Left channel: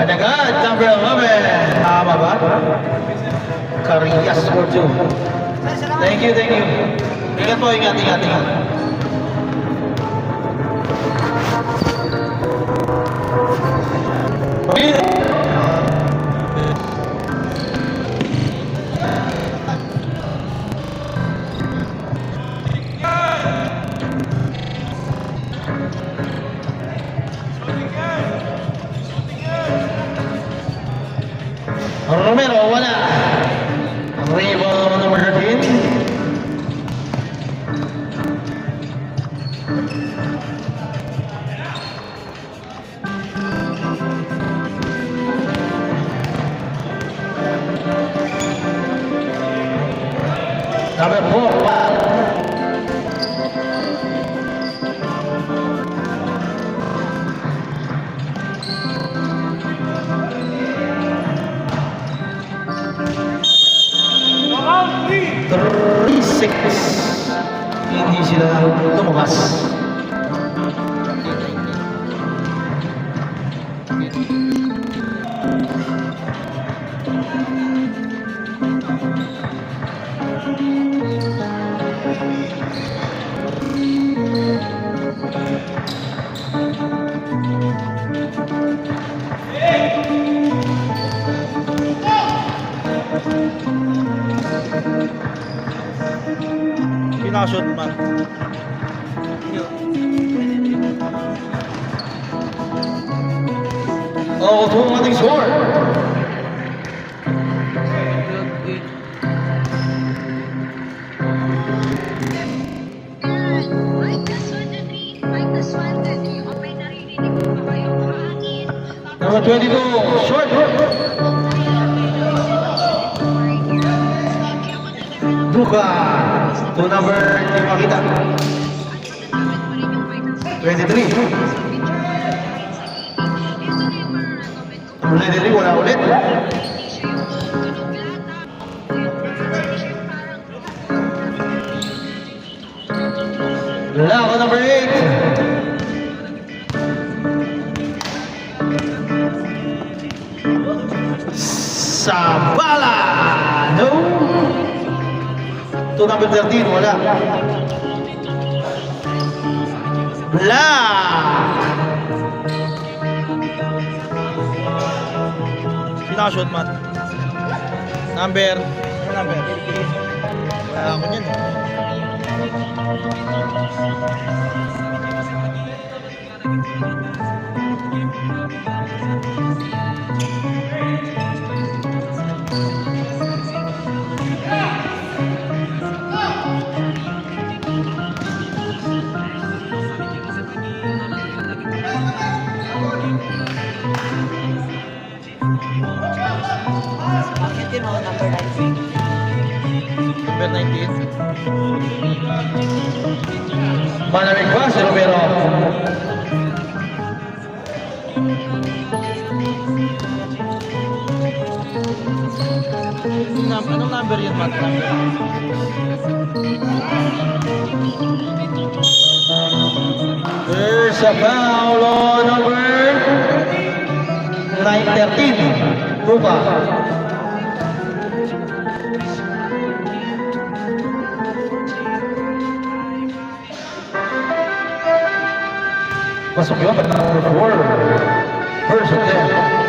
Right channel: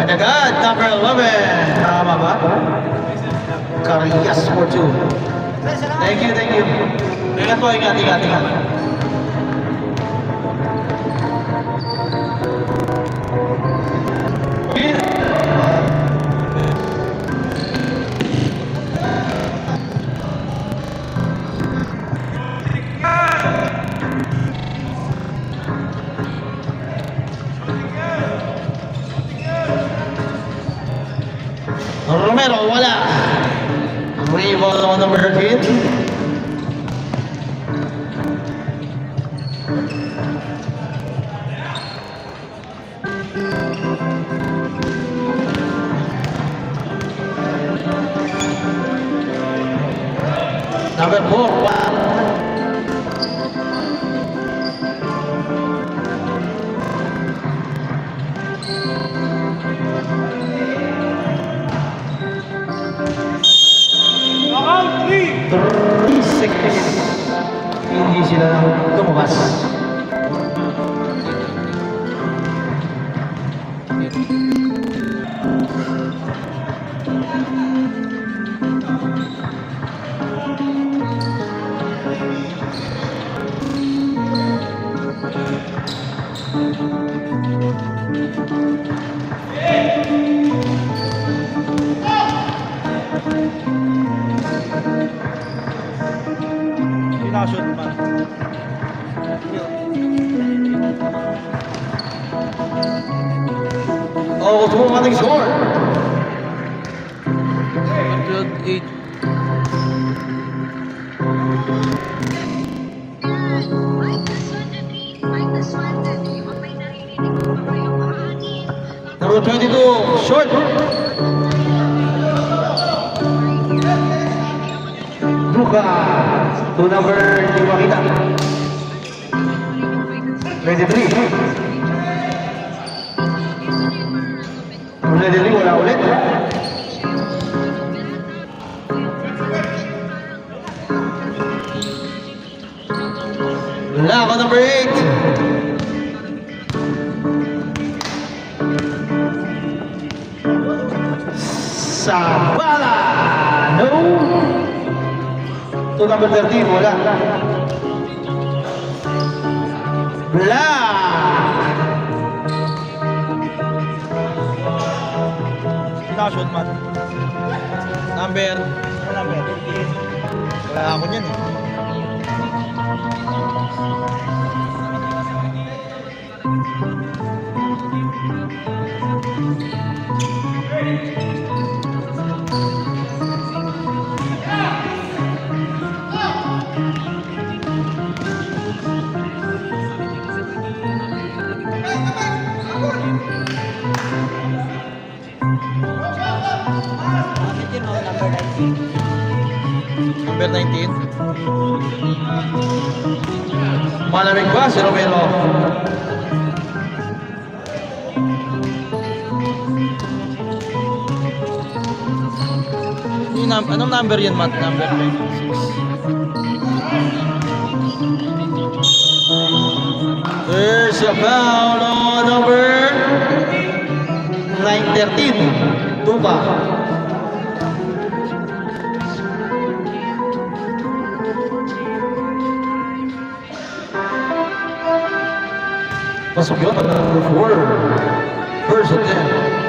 Agad-agad, number 11. Tama ba? Carias for 2. Thank you, thank you. Ingat po, ingat. Romero, wala. Ang rebound ng number 13. Number 4. Hindi sila tumukas. Pinashoot man. Oh, ito ang ating score. Number 22, short. Buka. To number, hindi ko makita. 23. Ulit, wala ulit. Lako number 8. Sabala. No. To number 13, wala. Black. Pinashoot mat. Number. Wala ako niyan eh. Number 19. Malamig ba si Romero? Anong number yun, Matt? Number 6. There's a foul on number 913. Duba. Pasok yun, number 4. First attempt.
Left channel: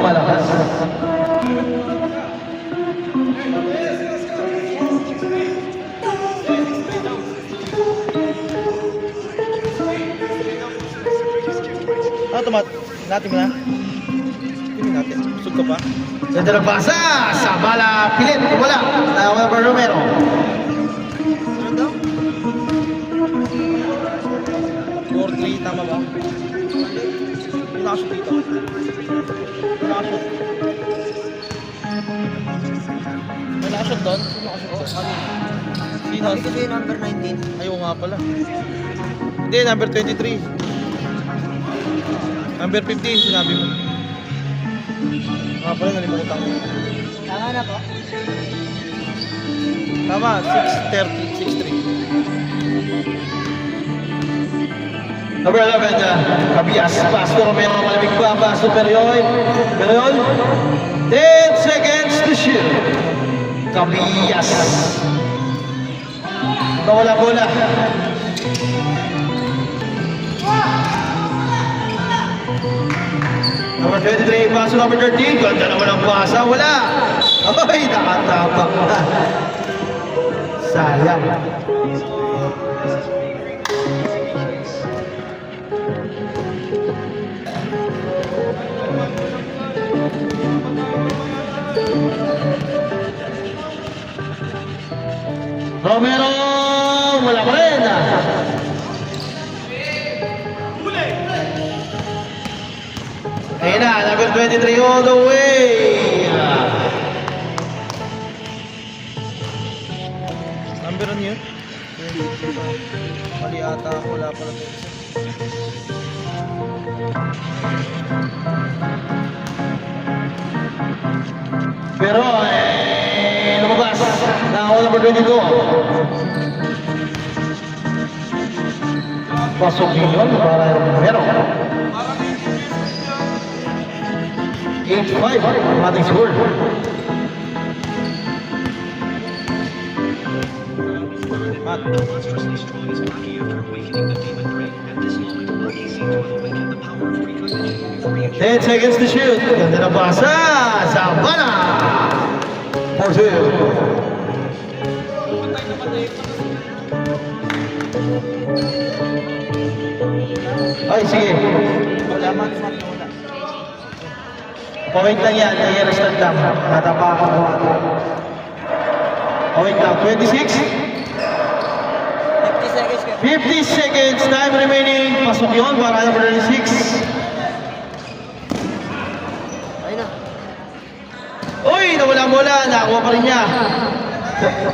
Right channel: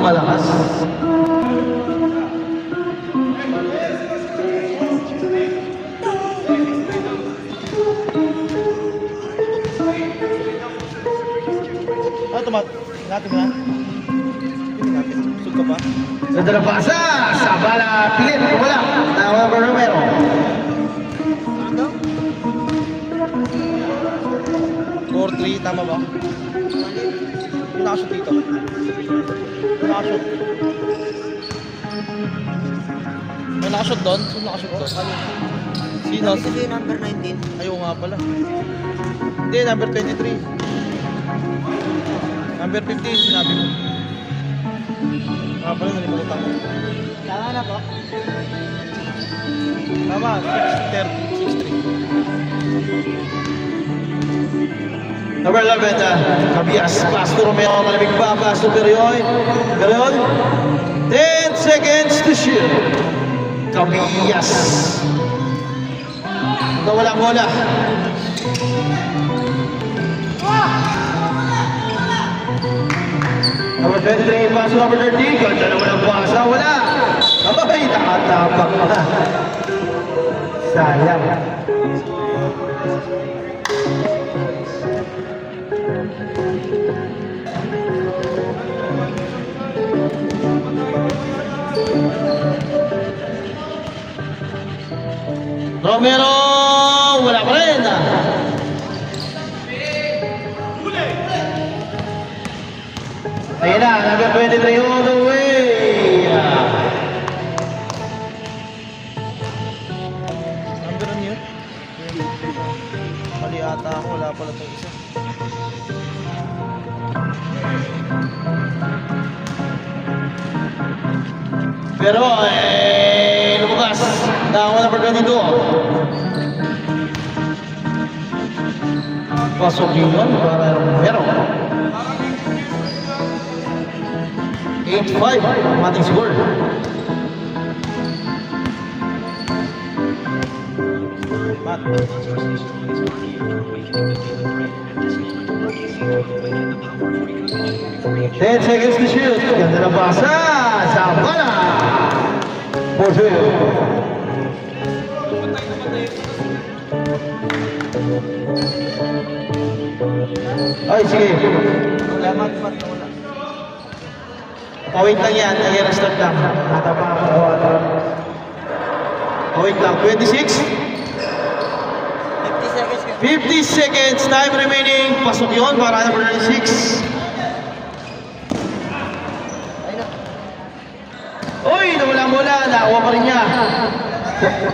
Malakas. Tomat. Natin mo na. Gusto ka pa? Ganda na pasa. Sabala pilit. Wala. Tawag for Romero. Four-three. Tama ba? Pinakashoot dito. Pinakashoot. May nakashot doon? Sino nakashot doon? Sino? Sabi kasi number 19. Ayaw nga pala. Hindi, number 23. Number 15, sinabi mo. Nga pala, nalimutan ko. Tama na po. Tama, 6:30, 6:3. Number 11, Cabias. Pass to Romeo. Malamig pa. Pass to Perion. Perion. 10 seconds to shoot. Cabias. Wala bola. Number 23, pass to number 13. Ganda naman ang pasa. Wala. Abay, nakatapak na. Sayang. Romero, wala pa rin. Ayan na, number 23 all the way. Number ano yun? Mali ata ako, wala pala ito isa. Pero, lumabas. Nakawa number 22. Pasok yun para Romero. 8-5 ang ating score. Pat. 10 seconds to shoot. Ganda na basa. Sabana. 4-2. Ay, sige. Mat na wala. Pawait lang yan. Ayan ang stand lang. Natapakan ko. Pawait lang. 26. 50 seconds ka. 50 seconds. Time remaining. Pasok yun. Para number 6. Ayun na. Uy! Nawala mula. Nakawa pa rin niya.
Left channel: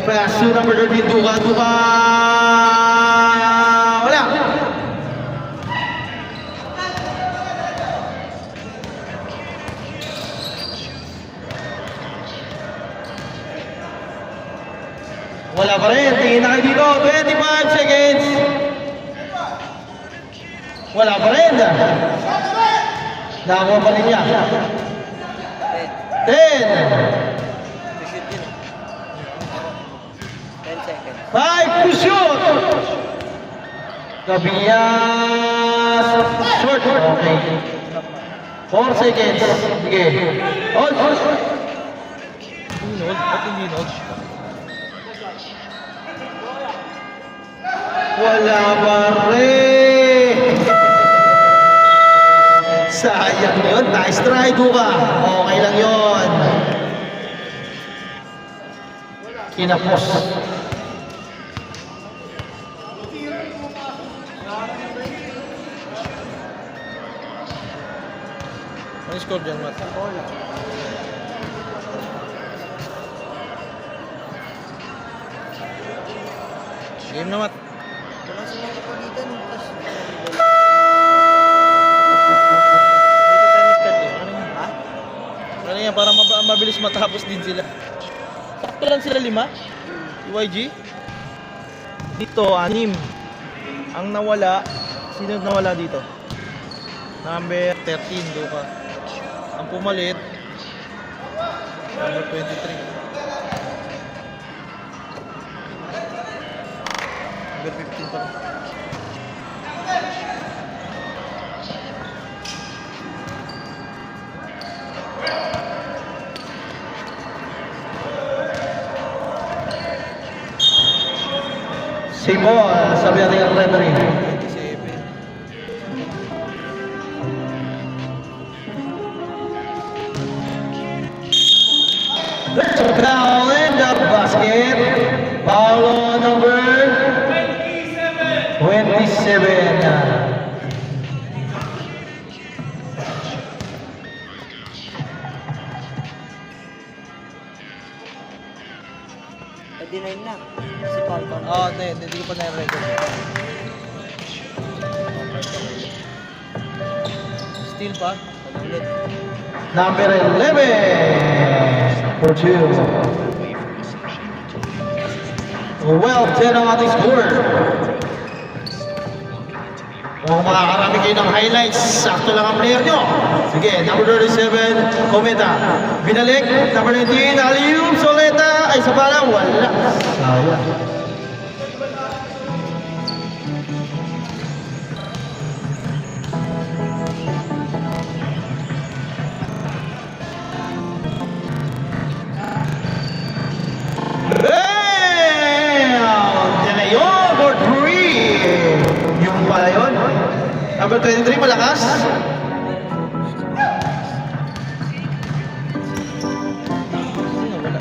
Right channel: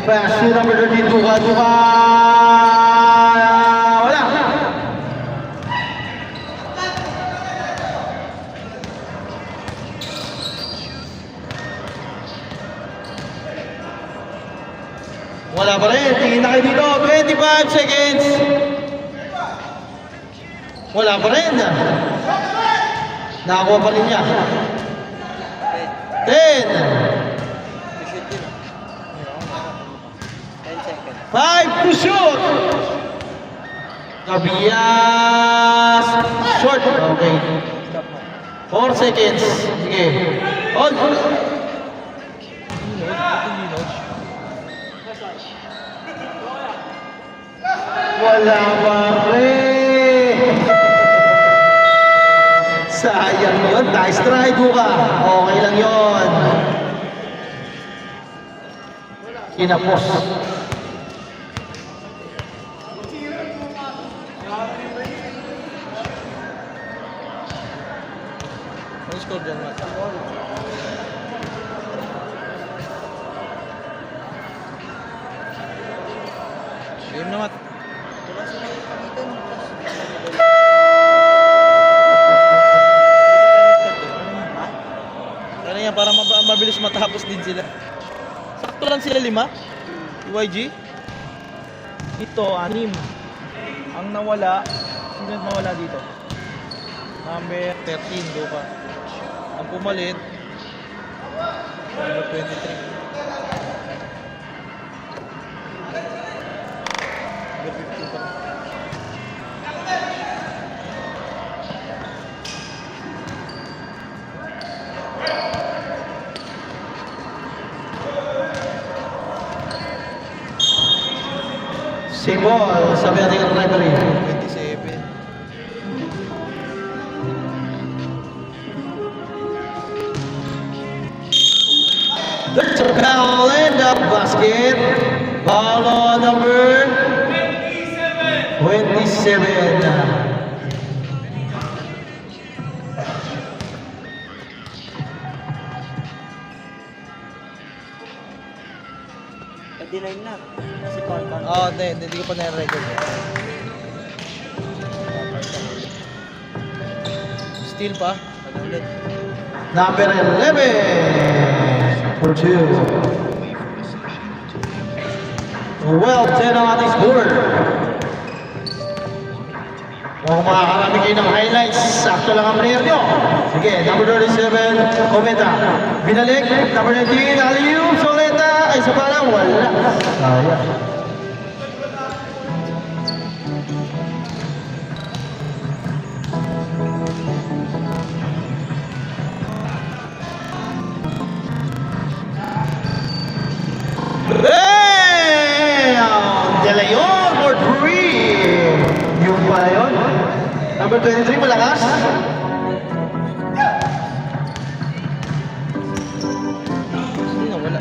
Pass to number 32. Duka. Wala. Wala pa rin. Tingin na kayo dito. 25 seconds. Wala pa rin. Nakakuha pa rin niya. 10. 10 seconds. 5 to shoot. Cabias. Short. Okay. 4 seconds. Sige. On. Linog? Ba't yung linog? Wala pa rin. Sayang yun. Nice try, Duka. Okay lang yun. Kinapos. Ano score dyan, Mat? Game na, Mat. Wala sila ipalitan. Ano yan, para mabilis matapos din sila. Sakto lang sila 5. UYG. Dito, 6. Ang nawala, sino nawala dito? Number 13, Duka. Ang pumalit, number 23. Number 15 pa. Same ball. Sabi natin ang referee. 27. There's a foul in the basket. Foul on number 27. Hindi ko pa na-record. Still pa? Ano ulit? Number 11 for 2. Well, 10 ang ating score. Kung makakarami kayo ng highlights, sakto lang ang player nyo. Sige, number 37, Cometa. Binalik, number 19, Alium Soleta. Ay, sa parang wala. Sayang. De Leon or Free. Yung pala yun. Number 23, malakas. Sino? Wala.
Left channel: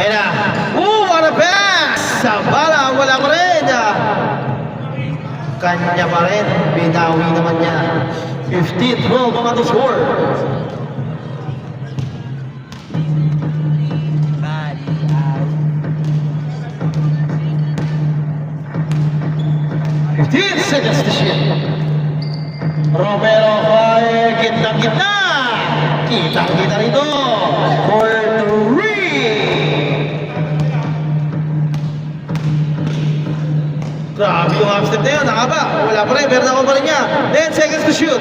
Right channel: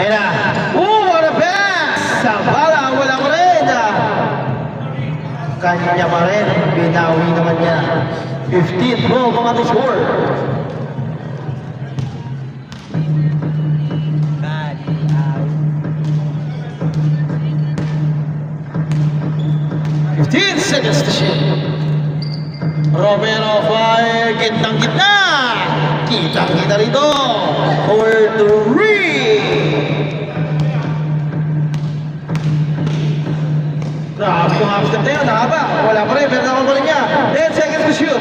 Ayun na. What a pass! Sa bala, wala pa rin. Kanya pa rin. Binawi naman niya. 15-12 ang ating score. Bali, out. 15 seconds to shoot. Romero fire. Gitnang-gitna. Kitang-kita rito. For 3. Grabe yung half step na yun, nakaba. Wala pa rin, pero naman pa rin niya. 10 seconds to shoot.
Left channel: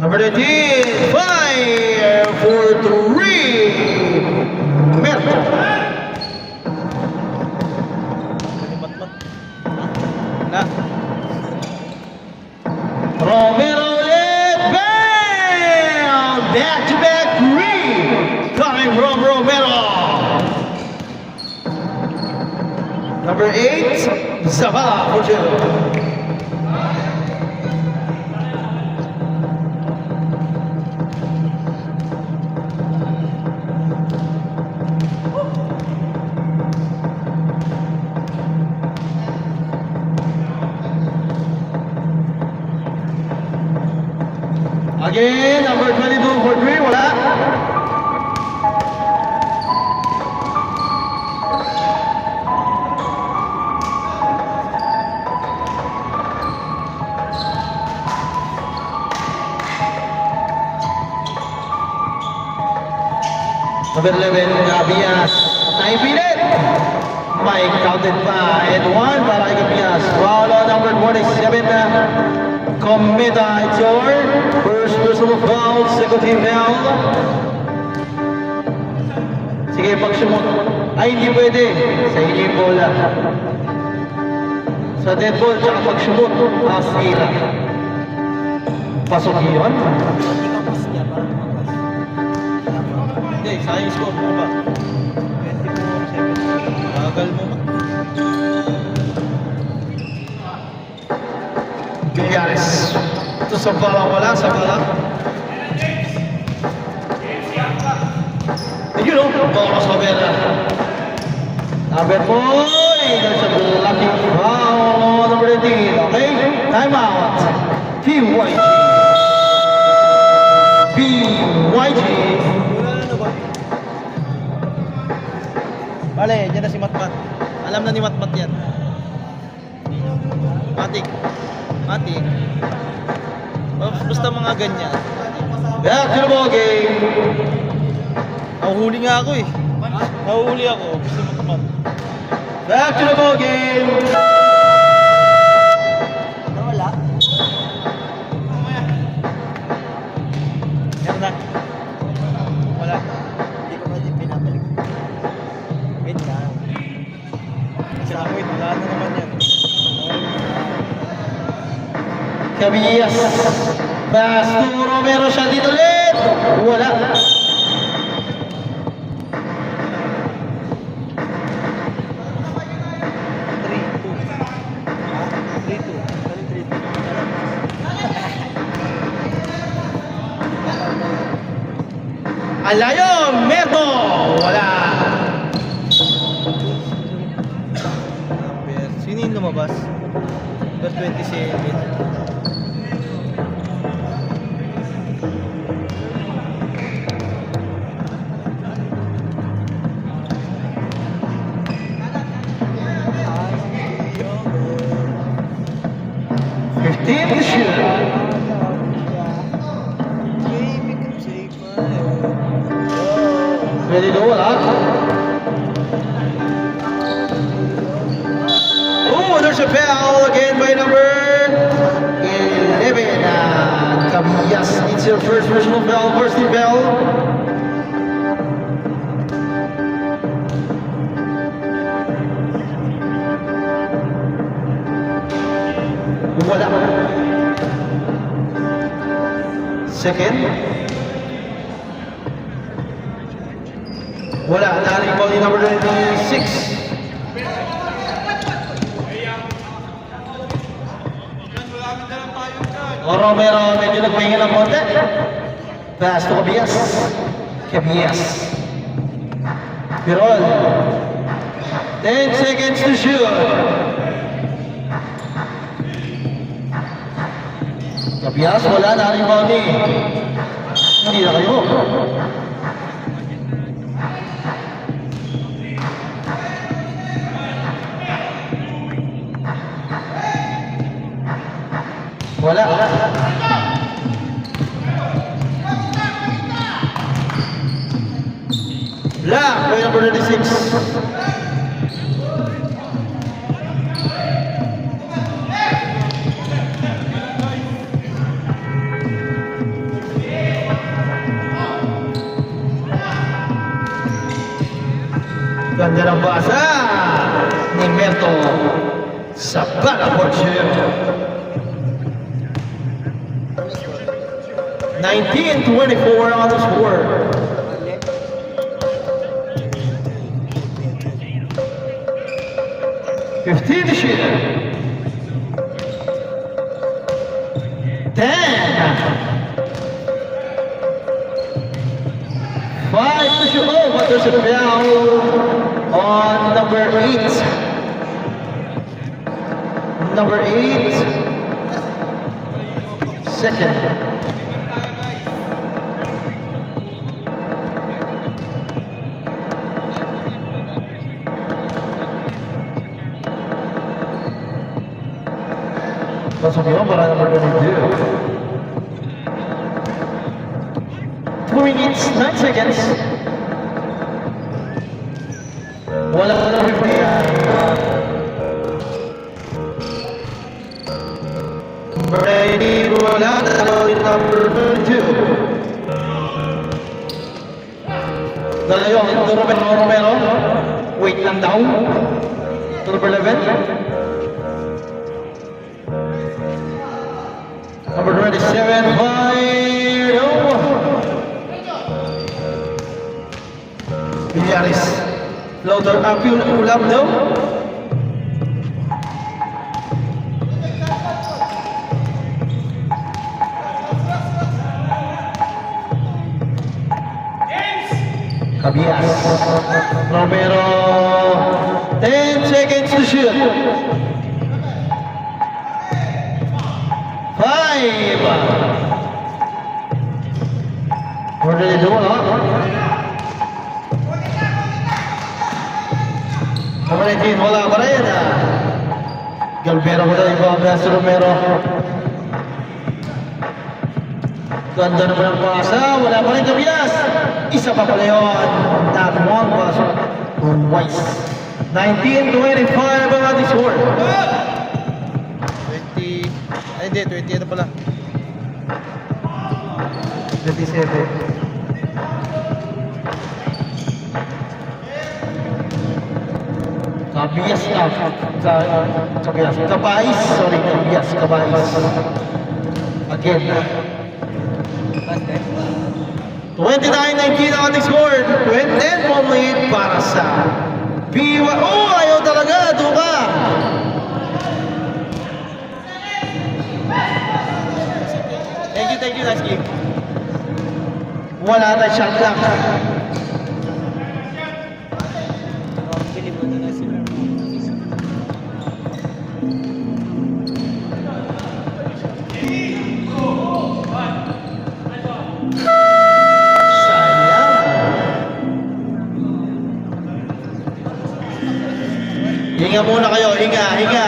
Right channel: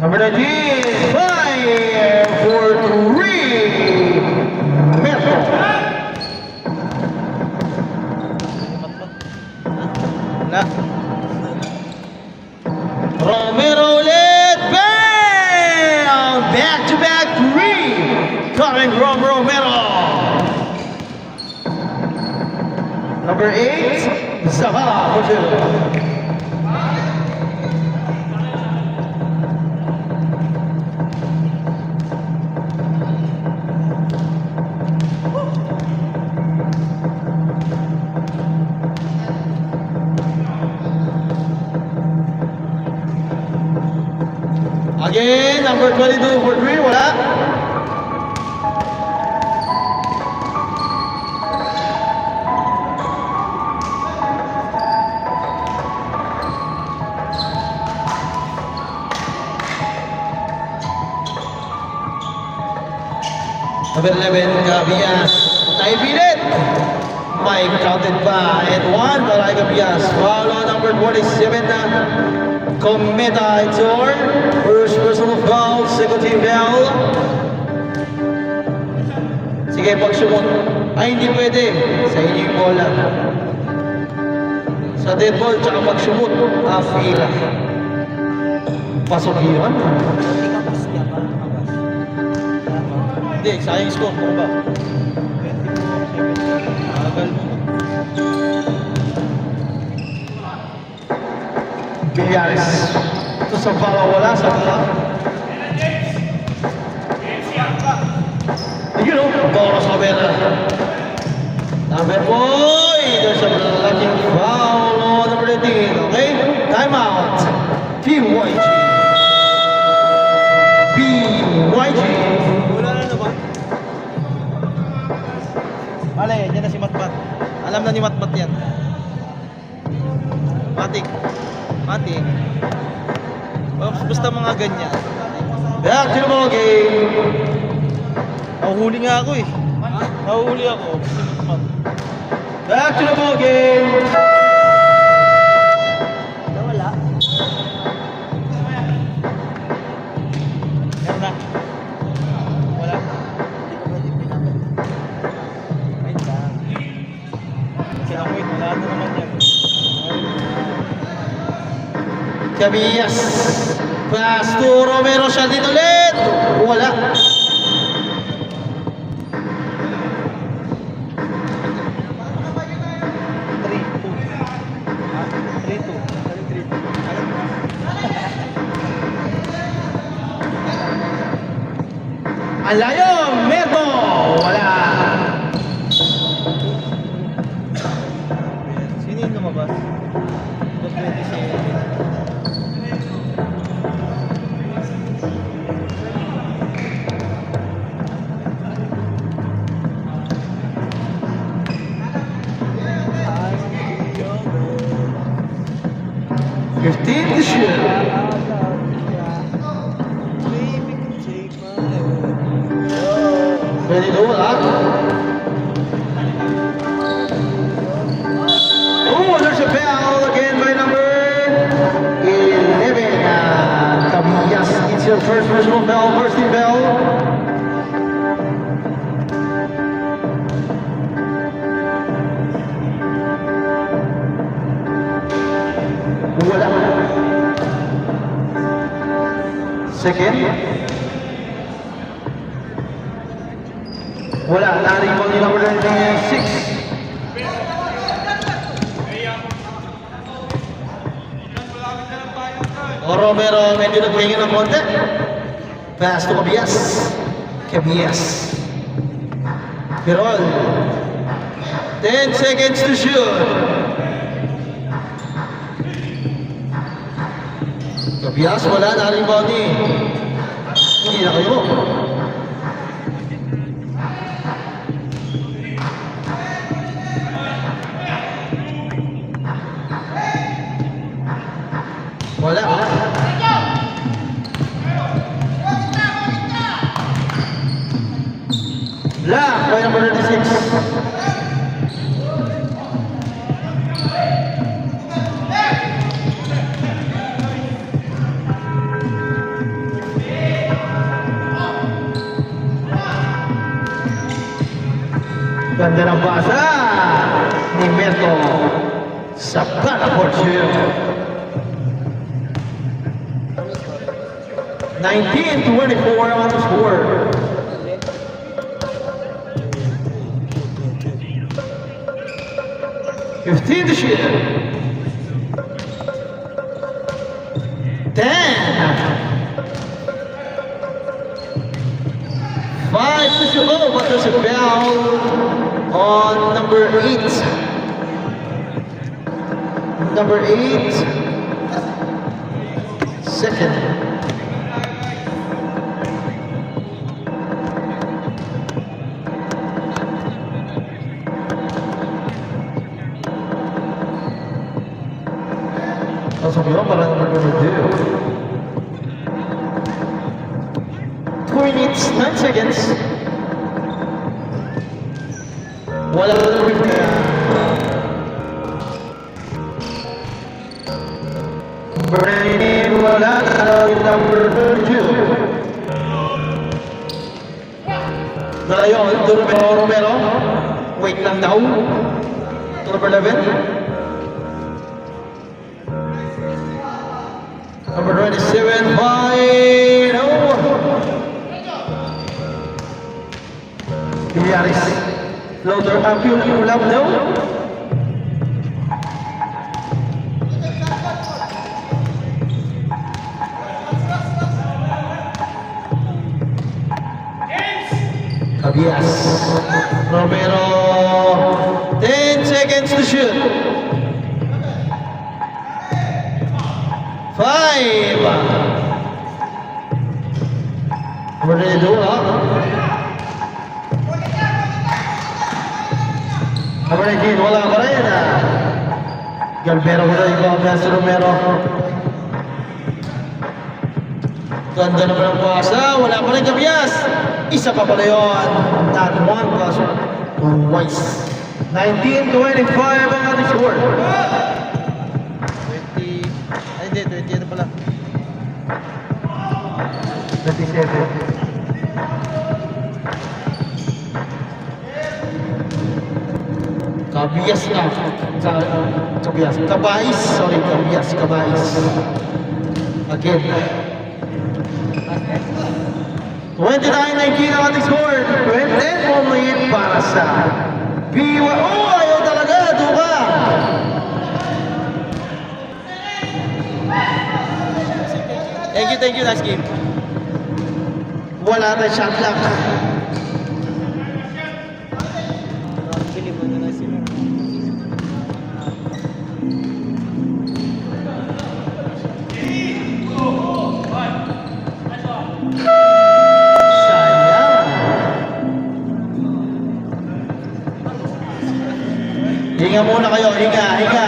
Number 19, fire for 3. Merto. Na. Romero ulit, bam! Back-to-back 3. Coming from Romero. Number 8, Zavala for 2. Again, number 22 for 3, wala. Number 11, Gabias. 9 minute. Mike counted pa. And 1 para kay Gabias. Foul on number 47, Cometa. It's over. First personal foul, second team foul. Sige, pag-sumot. Ay, hindi pwede. Sa inyo yung bola. Sa dead ball, tsaka pag-sumot. Sige na. Pasok yun. Tapos niya, parang tapos. Hindi, sayang score. Ano ba? 24. Agal mo. Gayares. Ito sa bala wala sa tila. You know, Boros Mabela. Number boy, there's a lucky foul on number 18. Okay, time out. BYG. BYG. Ale, dyan na si Matmat. Alam na ni Matmat yan. Matik. Matik. Basta mga ganyan. Back to the ball game. Nahuhuli nga ako eh. Nahuhuli ako. Back to the ball game. Nawala. Meron na. Wala. Hindi ko pwede pinabalik. Wait ka na. Kasi ako eh, wala na naman yan. Cabillas. Pass to Romero, shot din ulit. Wala. Alayo, Merto. Wala. lumabas. The 27. Fifteen to shoot. Ready to roll up. Oh, there's a foul again by number 11. Cabillas needs your first personal foul, first team foul. Wala. Second. Wala. Naring ball yung number 6. Romero medyo nagpingin ng konti. Pass to Cabillas. Cabillas. Pirol. 10 seconds to shoot. Cabillas, wala. Naring ball ni. Hindi na kayo. Wala. Black by number 36. Ganda ng basa ni Meto sa Bala Fortune. 19-24 on the score. Fifteen to shoot. 10. 5 to shoot. Oh, but there's a foul on number 8. Number 8. Second. Pasok yun, parang number 22. 2 minutes, 9 seconds. Wala na lang 50. Brady, wala na lang number 2. Dalayo ang Romero. Wait lang daw. Number 11. Number 27, fired over. Biliaris. Loader up yung ulam daw. Cabillas. Romero. 10 seconds to shoot. 5. We're ready to do it, huh? Number 19, wala pa rin. Galvero ko na yung pass to Romero. Ganda naman ang pasa. Wala pa rin Cabillas. Isa pa pala yun. Not one pass. Twice. 19-25 ang ating score. 20. Ay, hindi. 20 ano pala. 27. Cabillas na. Cabillas. Cabais. Sorry, Cabillas. Cabais. Again. 29-19 ang ating score. 10 more lead para sa Biwa. Oh, ayaw talaga. Duka. Thank you, last game. Wala na shot clock. Hinga, hinga.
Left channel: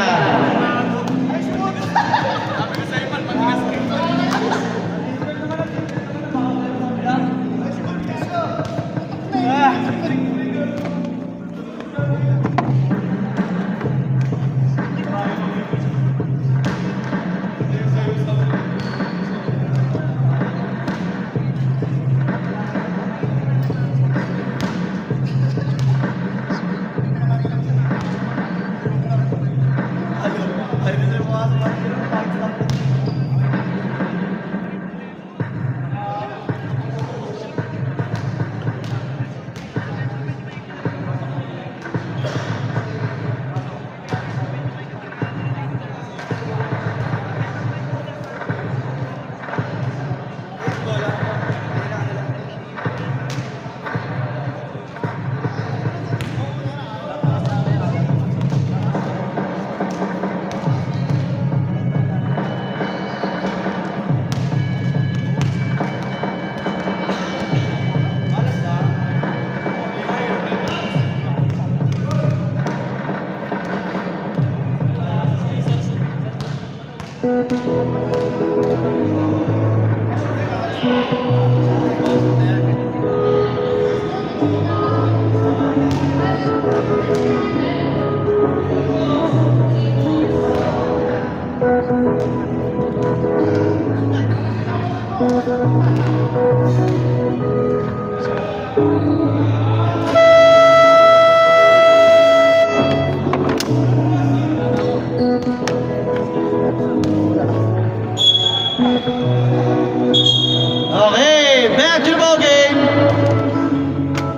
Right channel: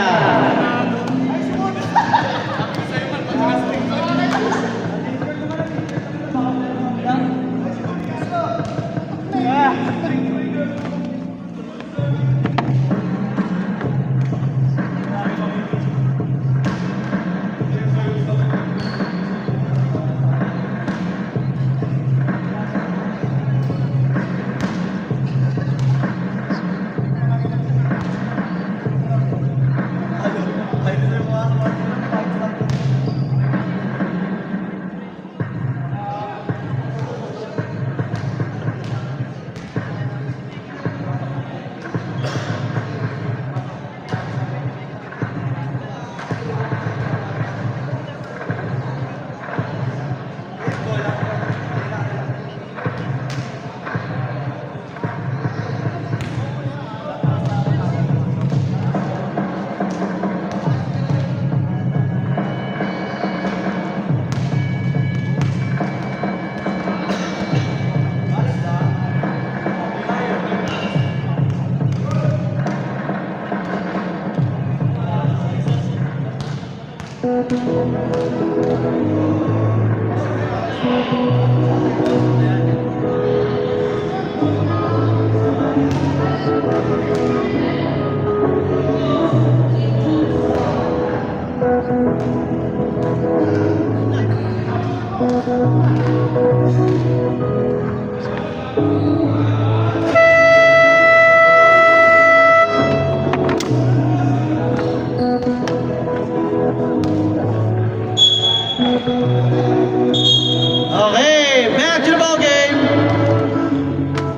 Okay, back to the ball game.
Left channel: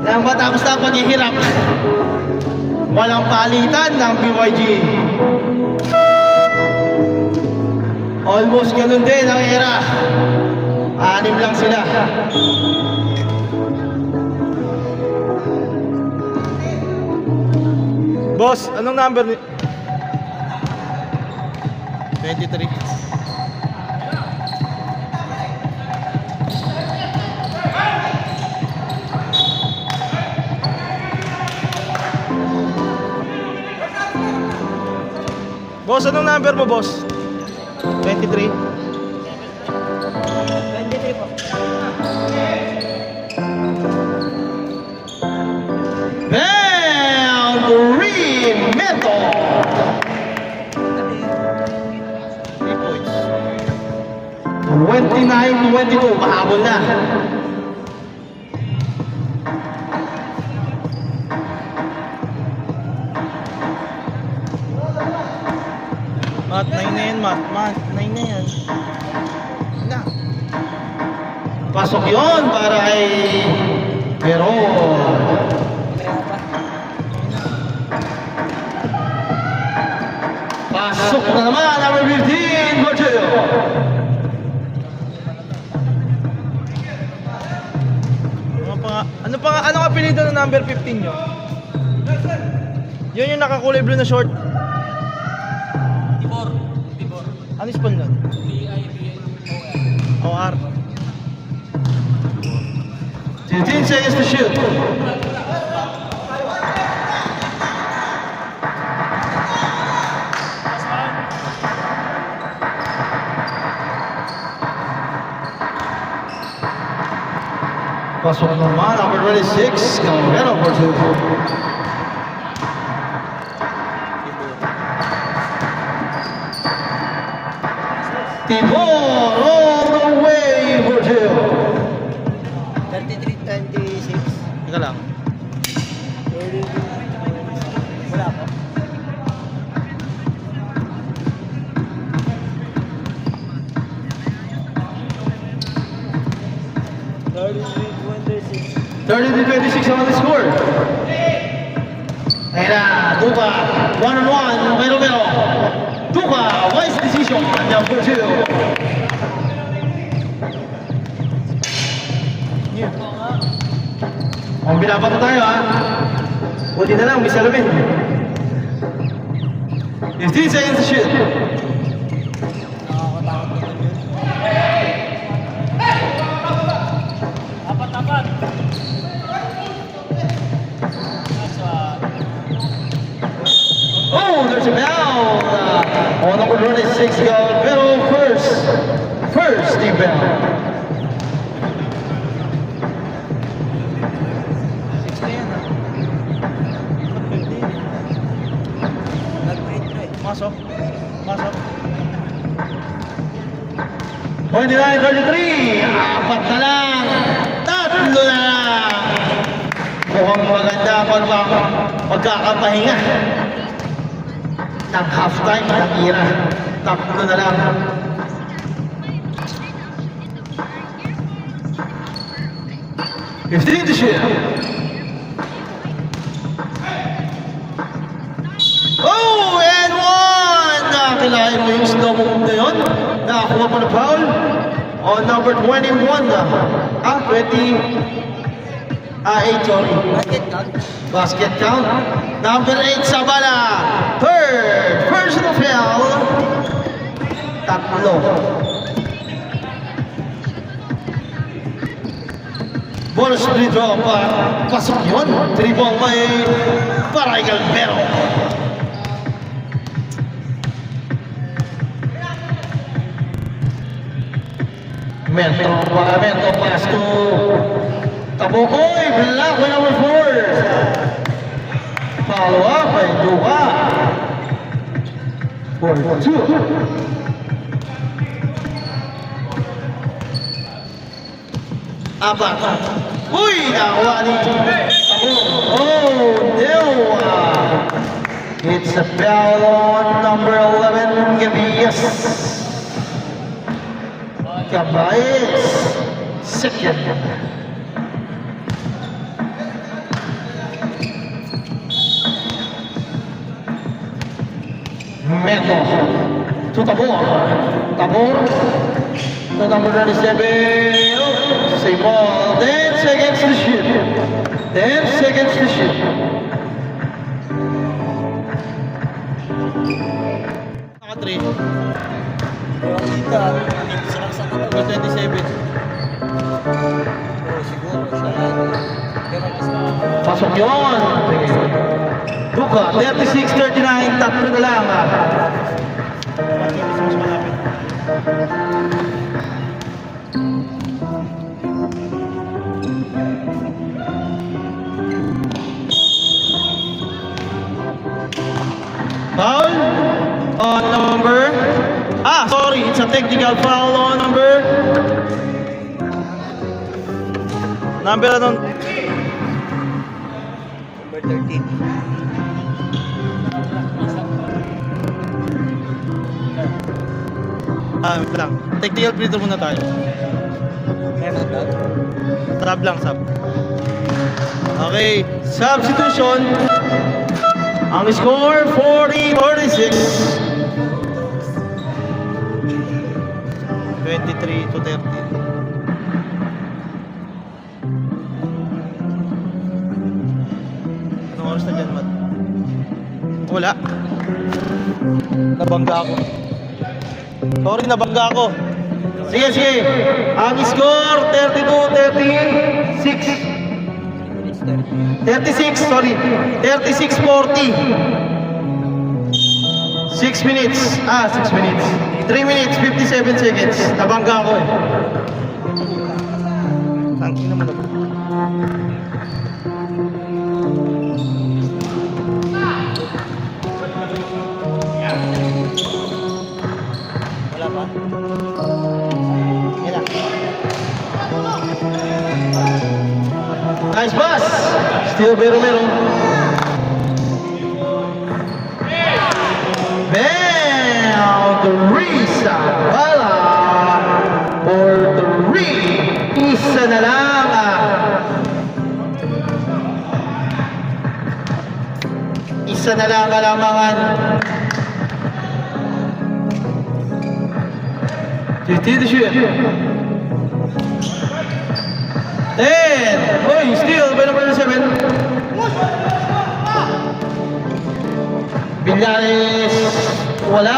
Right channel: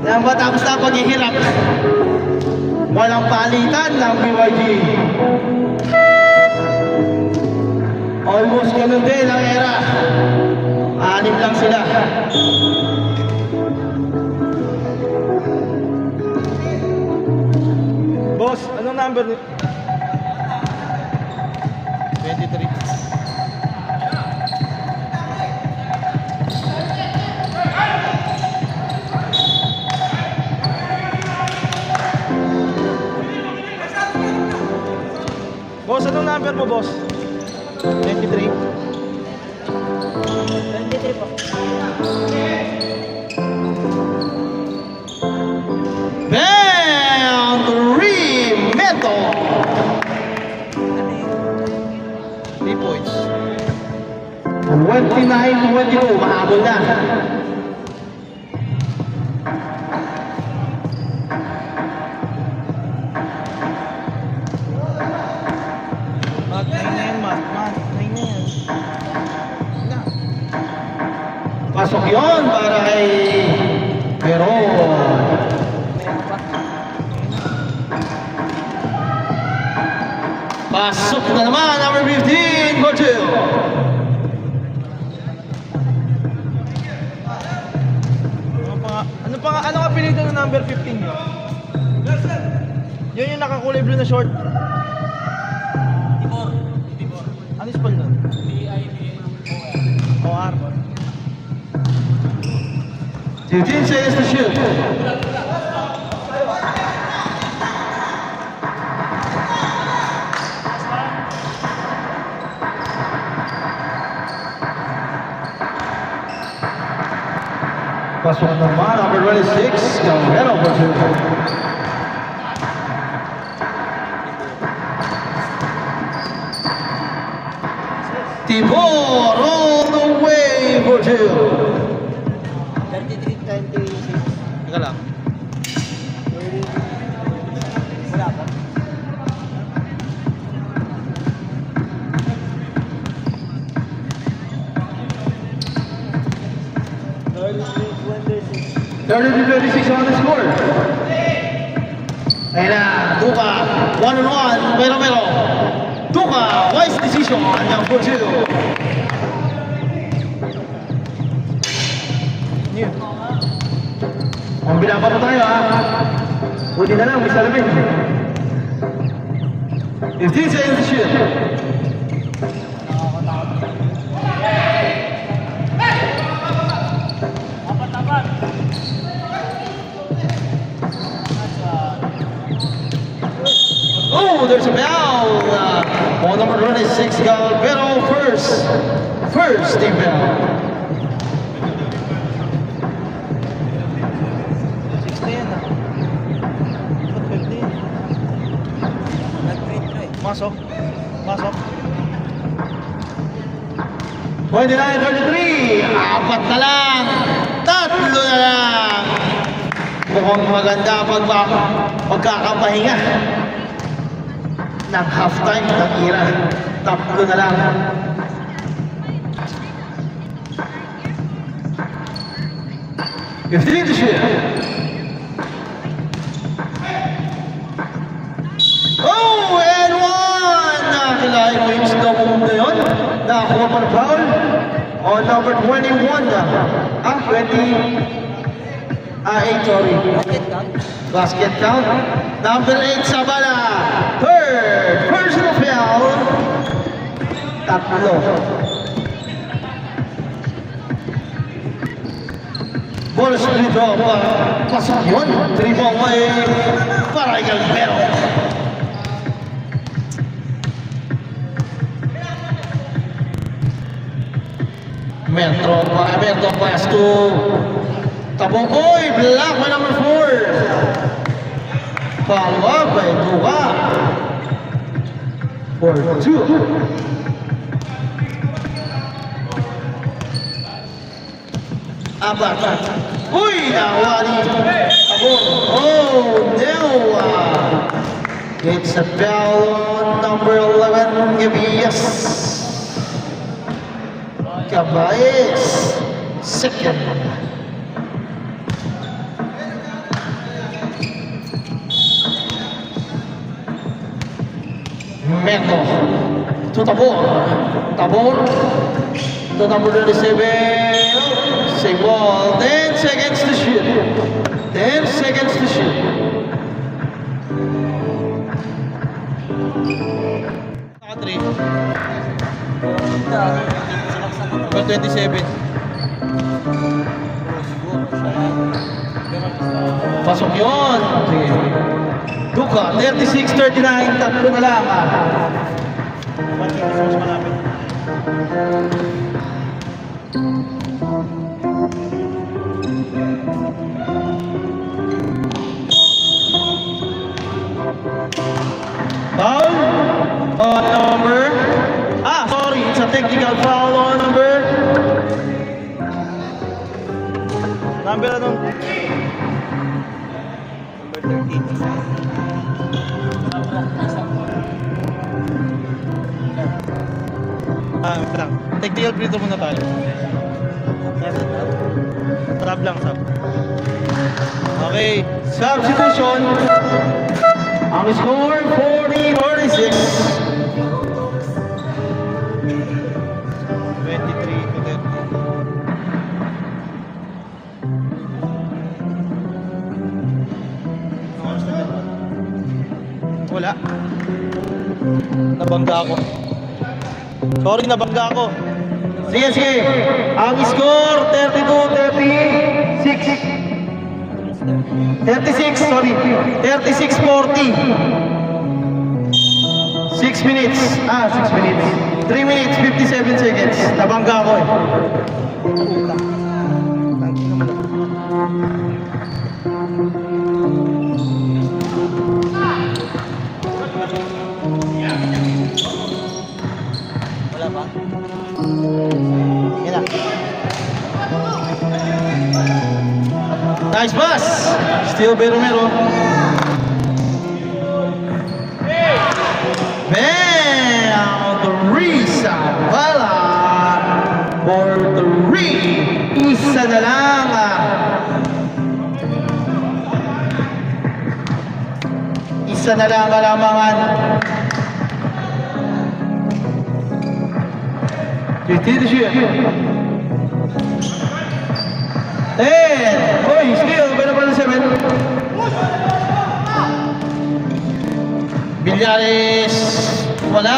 Yan ba tapos na paghihirap? Walang palitan ng BYG. Almost ganun din ang era. 6 lang sila. Boss, anong number ni... 23. Boss, anong number mo, boss? 23. 23 po. Boundary metal. 3 points. 29-22, mahabol na. Mat, 9 na yan, Mat. Mat, 9 na yan. Na. Pasok yon para kay Pero pasok na naman number 15, Virgil. Ano ka apelido ng number 15 nyo? Yun yung nakakulay blue na short. Ano spell nun? OR. 15 seconds to shoot. Pasok naman, number 26, Galvero for 2. Tibor all the way for 2. 33-26. Ika lang. Wala. Thirty to 26 on the score. And Duka, 1-on-1, Mero. Duka, wise decision, number 2. Ang binaba pa tayo Buti na lang, may salamin. 15 seconds to shoot. Oh! Oh, there's a foul on number 26, Galvero. First team foul. 60 yan ah. Ba't pwede? Nag-break. Masok. Masok. 29-33, apat na lang, tatlo na lang. Mukhang maganda pagkakapahinga ng halftime ng Ira. Tatlo na lang. Continue to shoot. Oh, and one! Nakakalain mo yung slow mo na yun. Nakakuha pa na foul on number 21. 8, sorry. Basket count. Number 8, Sabala. Third personal foul. Tatlo. Bonus free throw pa. Pasok yun. Dribble may para kay Galvero. Metro pass to Tabokoy, block by number 4. Follow up by Duka. For 2. Abak. Uy, nakuha ni Oh, no. It's a foul on number 11, Gabias. Cabayes, second. Meto to Tabor. Tabor to number 27. Same ball. 10 seconds to shoot. 10 seconds to shoot. Naka 3. May 27. Pasok yun. Duka, 36-39. Tatlo na lang. Foul on number sorry, it's a technical foul on number Number 13. Wait lang. Technical free throw muna tayo. Trap lang, sab. Okay. substitution. Ang score 40-46. 23 to 30. Wala. Nabangga ako. Sorry, nabangga ako. Sige, sige. Ang score 32-36. 36, sorry. 36-40. 6 minutes. 6 minutes. 3 minutes, 57 seconds. Nabangga ako eh. Tangki naman ako. Wala ba? Yan na. Nice pass. Still Beromero. Bam! Teresa Bala for 3. Isa na lang. Isa na lang kalamangan. 50 to shoot. 10. Oy, still, pero pa 7. Villarez, wala.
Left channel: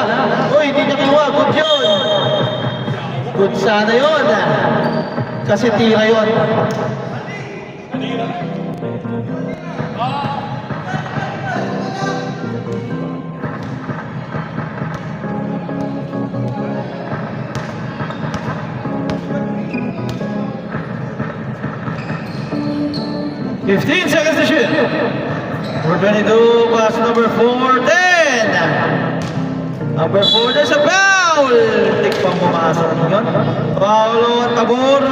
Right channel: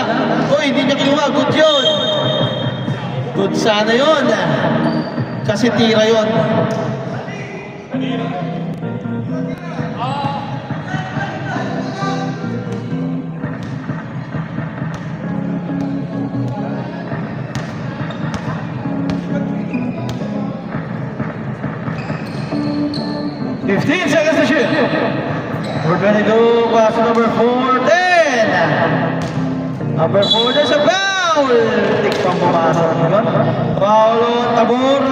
Oy, hindi niya kinuha. Good yun. Good sana yun. Kasi tira yun. 22, pass number 4, 10. Number 4, there's a foul. Tikpang pumasok yun. Foul on Tabor.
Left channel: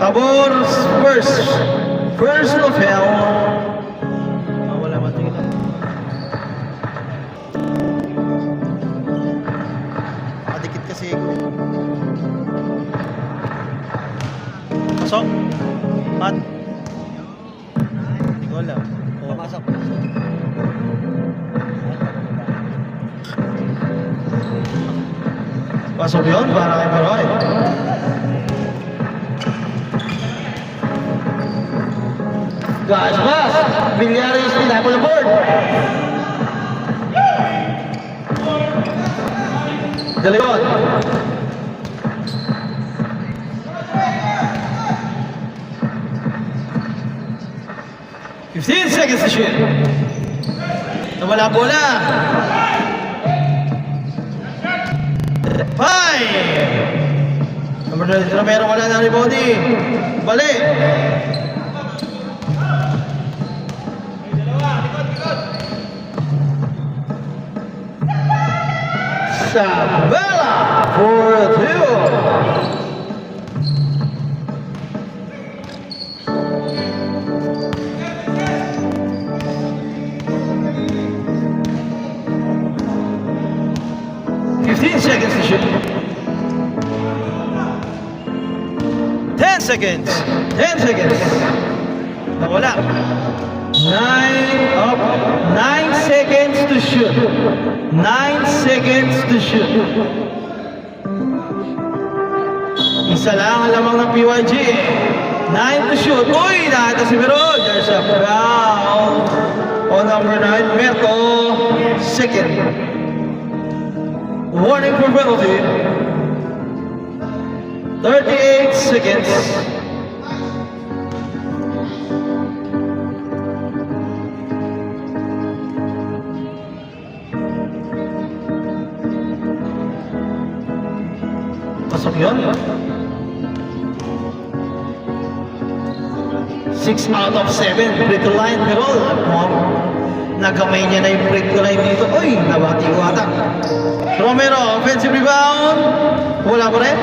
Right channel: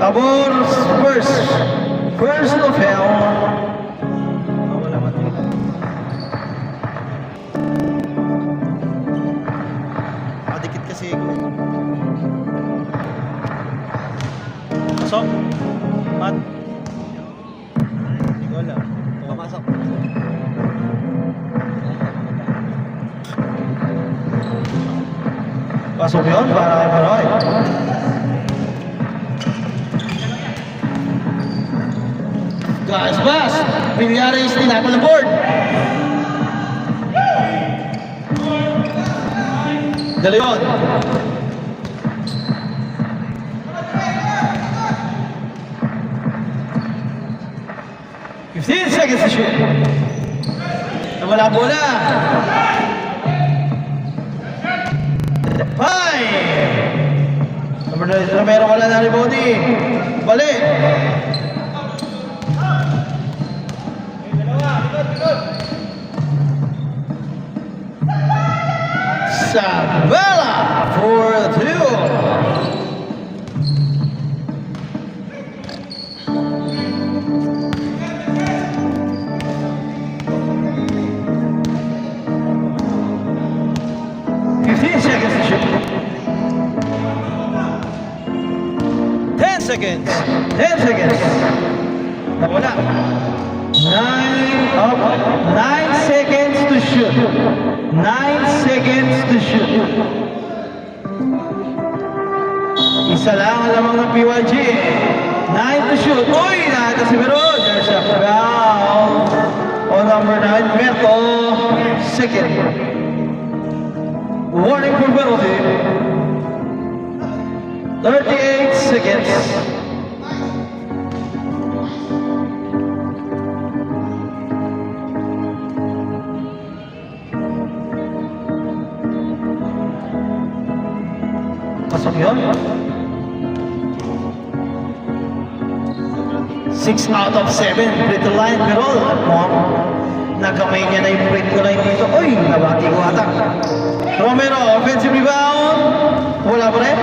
Tabor, first. First of foul. Wala man tingin. Nakadikit kasi ako. So, at hindi ko alam. Oh. Pasok. Pasok yun para kay Paroy. Guys, pass. Villarreal tinapon ng board. De Leon. Fifteen seconds to shoot. Nawala bola. 5. Number 9, Romero wala na rebounding. Bali. Sabela for 2. Seconds to shoot. 10 seconds. 10 seconds. Nawala. 9 seconds to shoot. 9 seconds to shoot. Isa lang ang lamang ng PYG. 9 to shoot. Uy! Nakita si Meron. There's a foul on number 9, Merto. Second. Warning for penalty. 38 seconds. Pasok yun. 6 out of 7. Free to line. Pero nagamay niya na yung free to line dito. Uy, nabati ko ata. Romero, offensive rebound. Wala mo rin.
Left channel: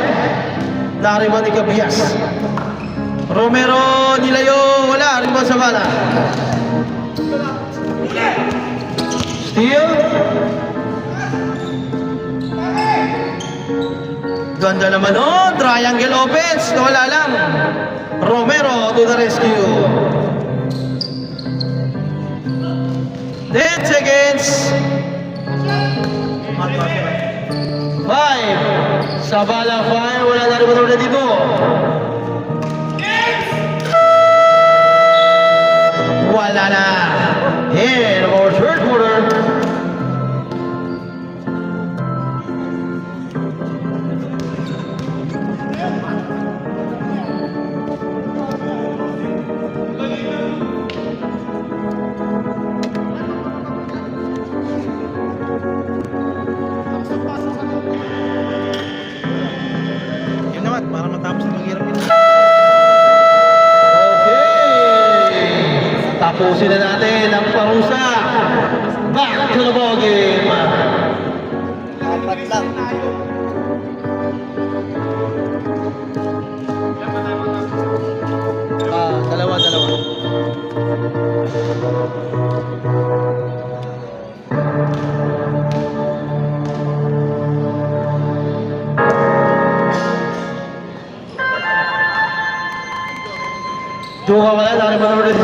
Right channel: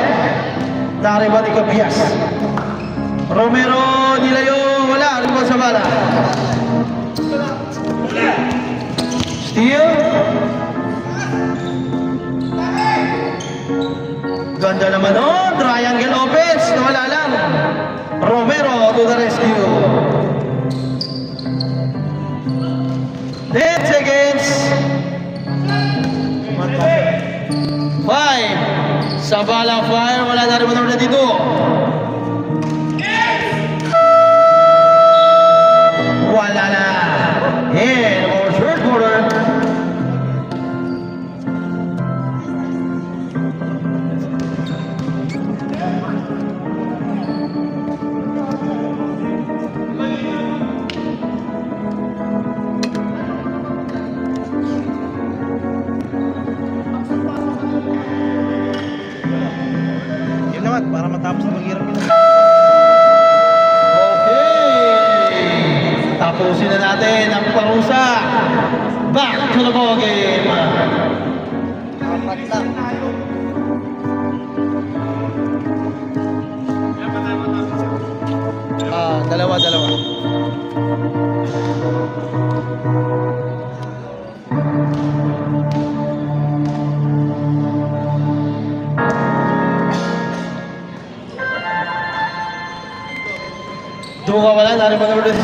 Nariban ni Cabias. Romero, nilayo. Wala. Rebound sa bala. Steal. Ganda naman oh. Triangle offense. Wala lang. Romero to the rescue. 10 seconds. 5. Sabala fire. Wala na rin na dito. Wala na. In our third quarter. Yun naman, para matapos na maghirap yun. Okay. Tapusin na natin ang parusa. Back to the ball game. Apat lang. Dalawa. Doon ka wala, dali pa number 6.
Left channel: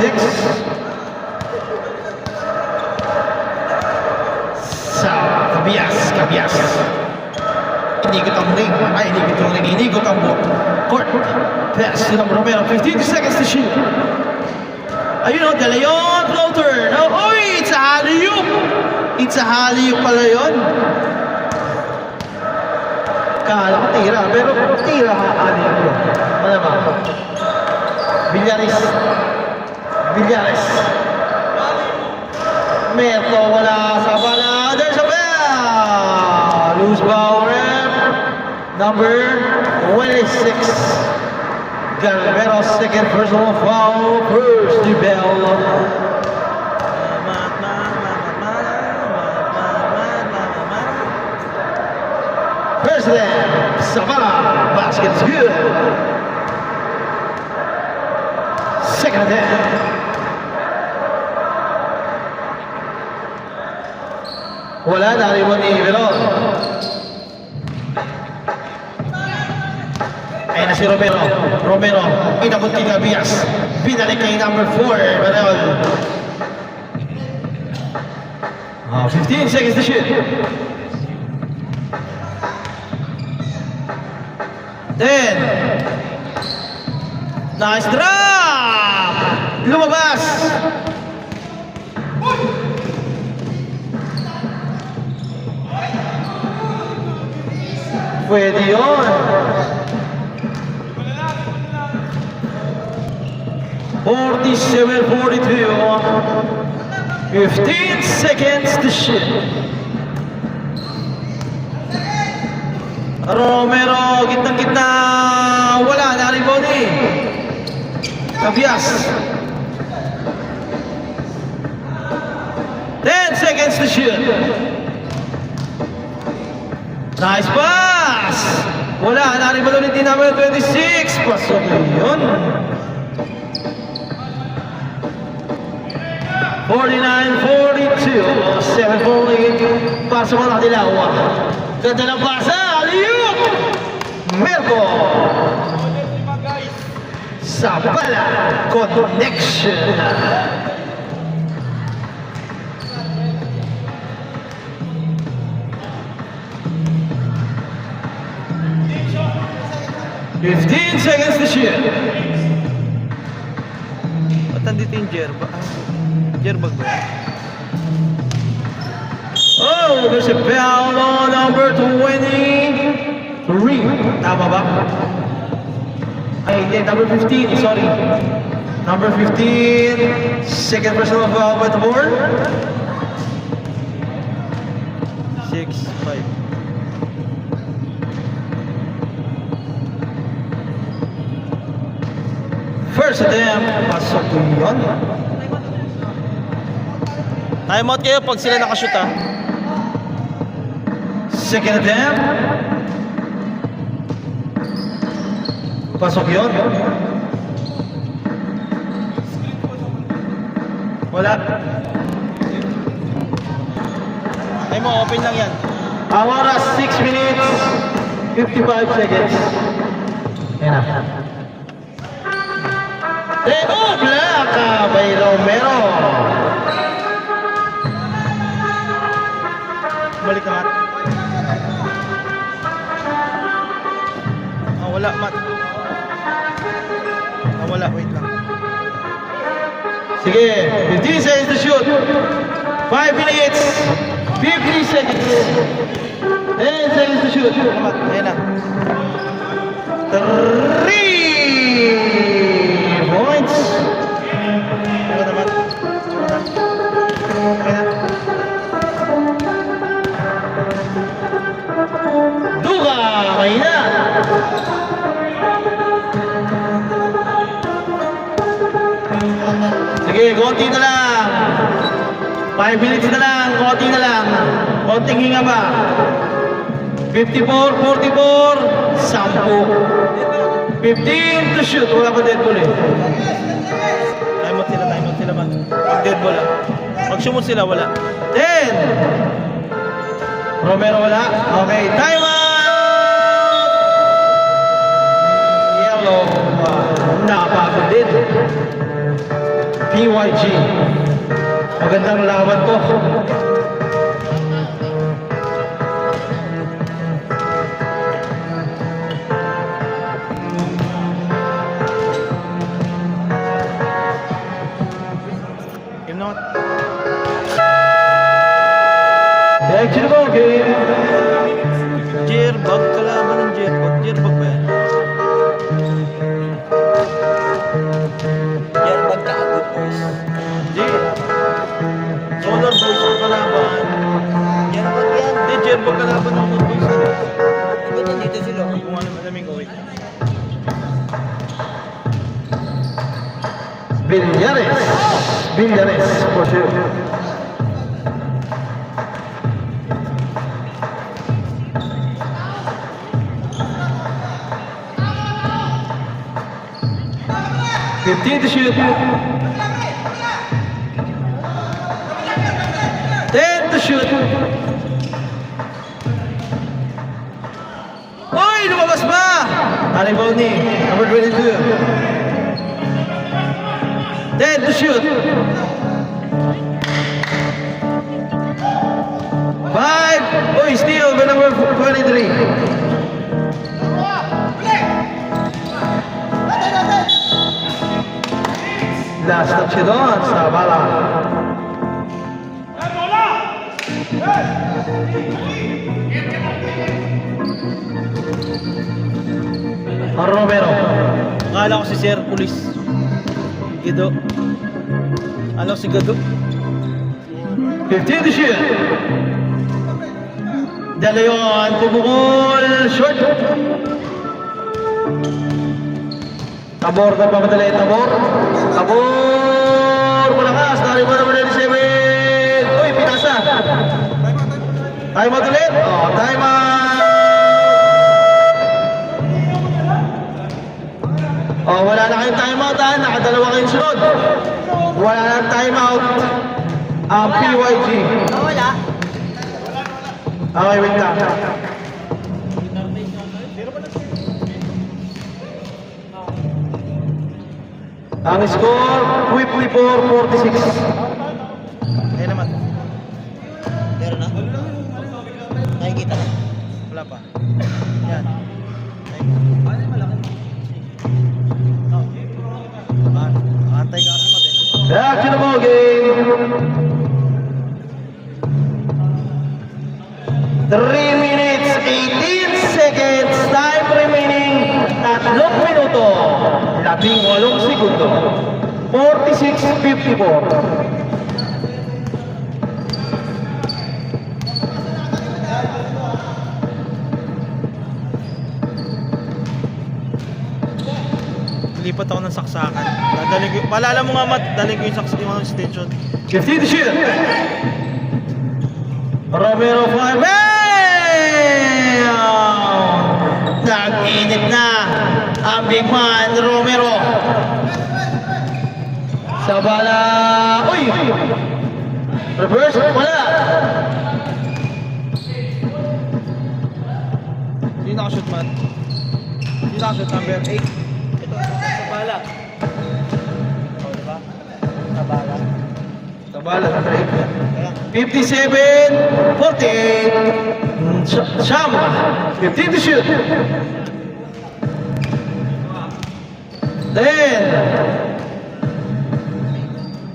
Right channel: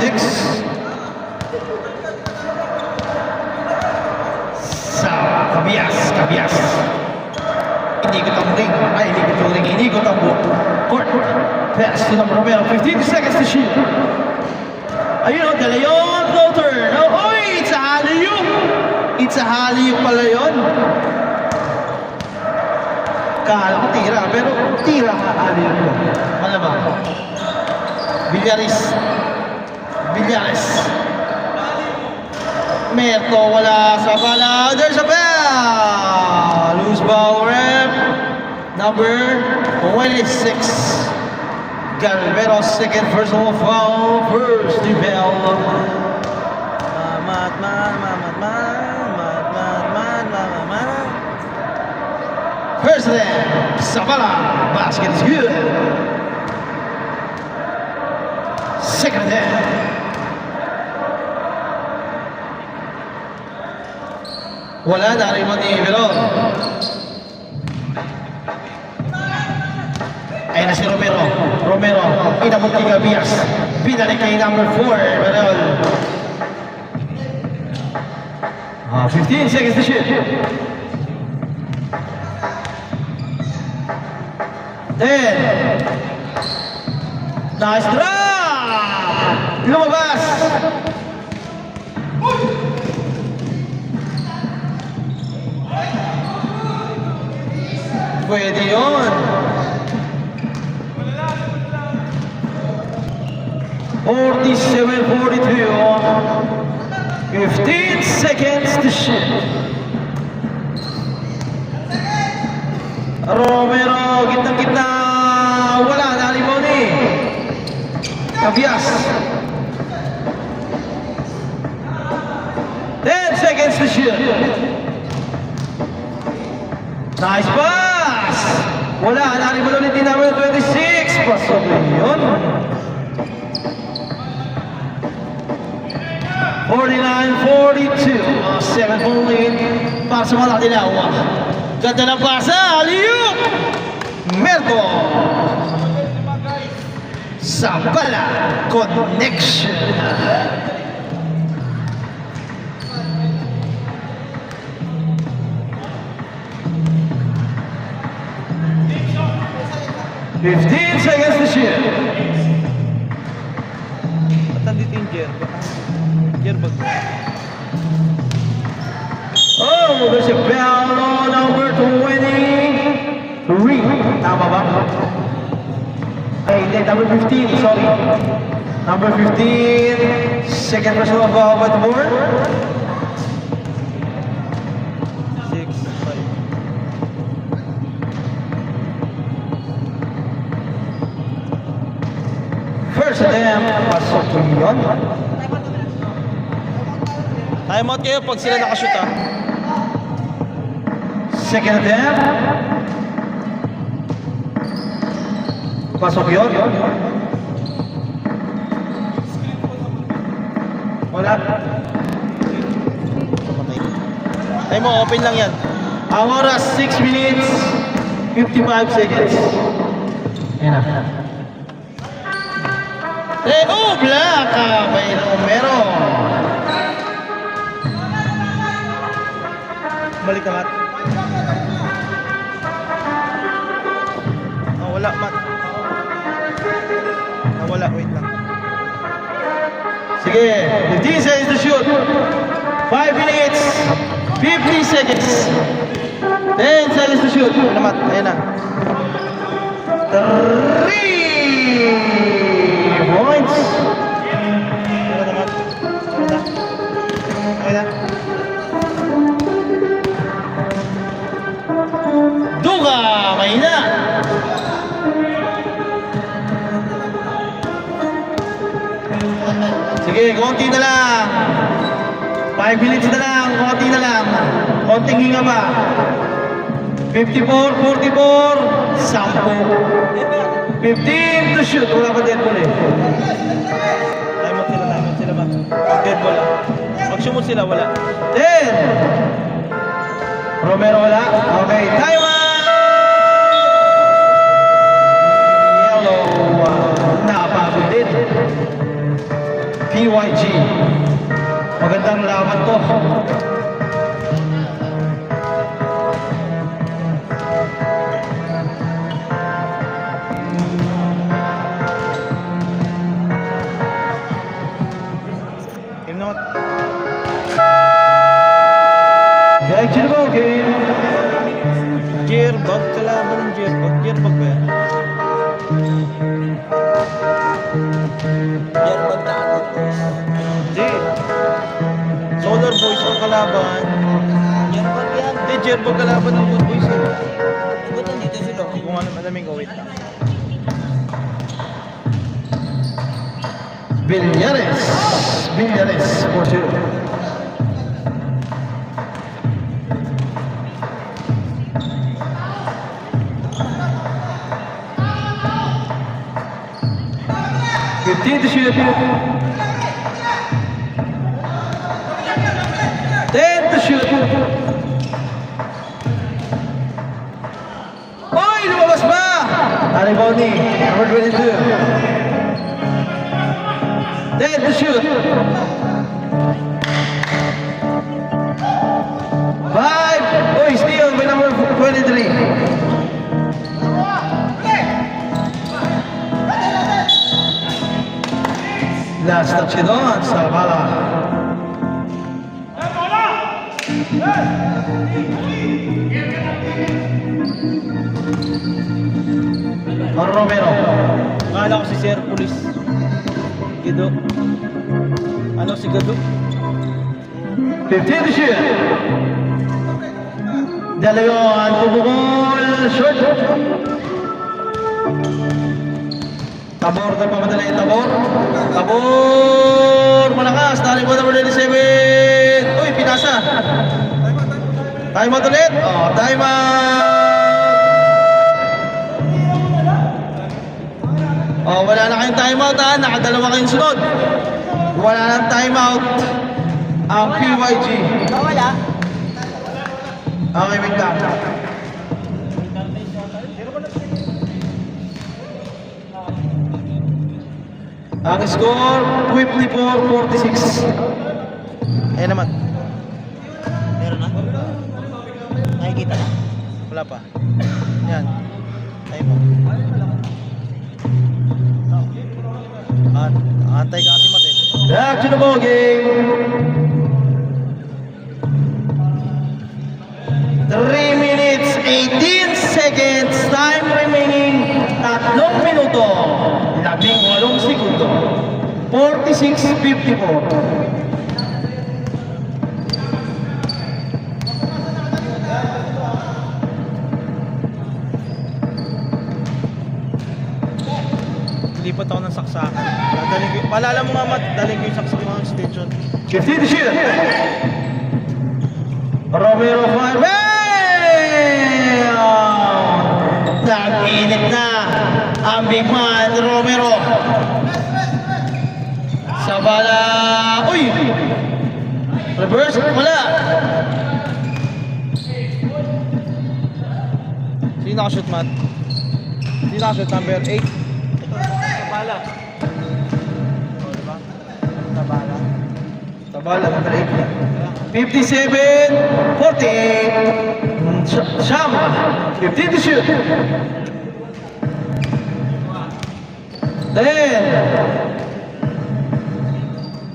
Cabias. Inikot ang ring. Inikot ang board. Court. Pass to number Romero. 15 seconds to shoot. Ayun o, De Leon floater. Oh, it's a alley-oop. It's a alley-oop pala yun. Kala ko tira, pero tira ka alley-oop yun. Ano ba? Villares. Merto wala sa bala. There's a bell. Loose ball rep. Number 26. Galvero second personal foul. First the bell. Salamat na First then, Sabah, basket is good. Second then. Wala, dari mo ni Veron. Ay na si Romero. Romero, ay nabot kay Gabias. Pinalik kay number 4, Veron. 15 seconds to shoot. 10. Nice drop! Lumabas! Pwede yun. 47-42. 15 seconds to shoot. Romero, gitnang-gitna. Wala, na-rebound ni Gabias. 10 seconds to shoot. Nice pass. Wala, na-rebound ulit din namin 26. Pasok yun. 49-42. 7 point para sa mga Dilaw. Ganda ng pasa. Aliyup! Melko. Sabala connection. Fifteen seconds to shoot. Ba't nandito yung Jerbag? Jerbag ba? Oh, there's a foul on number 23. Tama ba? Ay, hindi, number 15, sorry. Number 15, second personal foul by the board. 6-5. First attempt, pasok yun. Time out kayo pag sila nakashoot ha. Second attempt. Pasok yun. Wala. Time mo, open lang yan. Ang oras, 6 minutes, 55 seconds. Ayan na. Black by Romero. Balik na, Matt. Ah, wala, Matt. Ah, wala, wait lang. Sige, 15 seconds to shoot. 5 minutes, 50 seconds. 10 seconds to shoot. Wala, Matt. Ayan na. 3 points. Ayan na, Matt. Ayan na. Ayan na. Duga, mahina. Sige, konti na lang. 5 minutes na lang, konti na lang. Konting hinga pa. 54, 44, 10. 15 to shoot. Wala pa dead ball eh. Time out sila ba? Pag dead ball ah. Pag shoot sila, wala. 10. Romero wala. Okay, time out! Yellow. Napagod din. PYG. Magandang laban to. Game na, Matt. Back to the ball game. Jerbag, kalaban ng Jerbag. Jerbag ba yan? Jerbag na agad, boys. Hindi. Solar Boys ang kalaban. Jerbag yan. Hindi, Jerbag kalaban ng Good Boys. Hindi, nandito sila. Kung ano malamig ko, wait. Villares. Villares for sure. 15 to shoot. 10 to shoot. Oy, lumabas ba? Ariboni, number 22. 10 to shoot. 5. Oy, steal by number 23. Last touch it on sa bala. Romero. Akala ko si Sir Police. Gado. Ano si Gado? 15 to shoot. Dala yun, pumukol, short. Tabor na pamadala yung tabor. Tabor, malakas, tali mo number 97. Uy, pinasa. Time out ulit. Oh, time out. Oh, wala na kayong time out ha. Nakadalawa kayong sunod. Wala na time out. Ang PYG. Wala. Okay, wait lang. Ang score, 54-46. Ayan naman. Meron na? Nakikita na? Wala pa. Yan. Ay. Antay ka kasi mati. Back to the ball game. 3 minutes, 18 seconds. Time remaining. 3 minuto. 18 segundo. 46-54. Lipat ako ng saksakan. Paalala mo nga mat, daling ko yung saksakan ng station. 15 to shoot. Romero 5. Nag-init na ang big man Romero. Sa bala. Uy! Reverse. Wala. Sino nakashoot man? Sino nakashoot number 8? Tabala. Tabala. Tabala number 8. 57-48. Shamba. 15 to shoot. 10.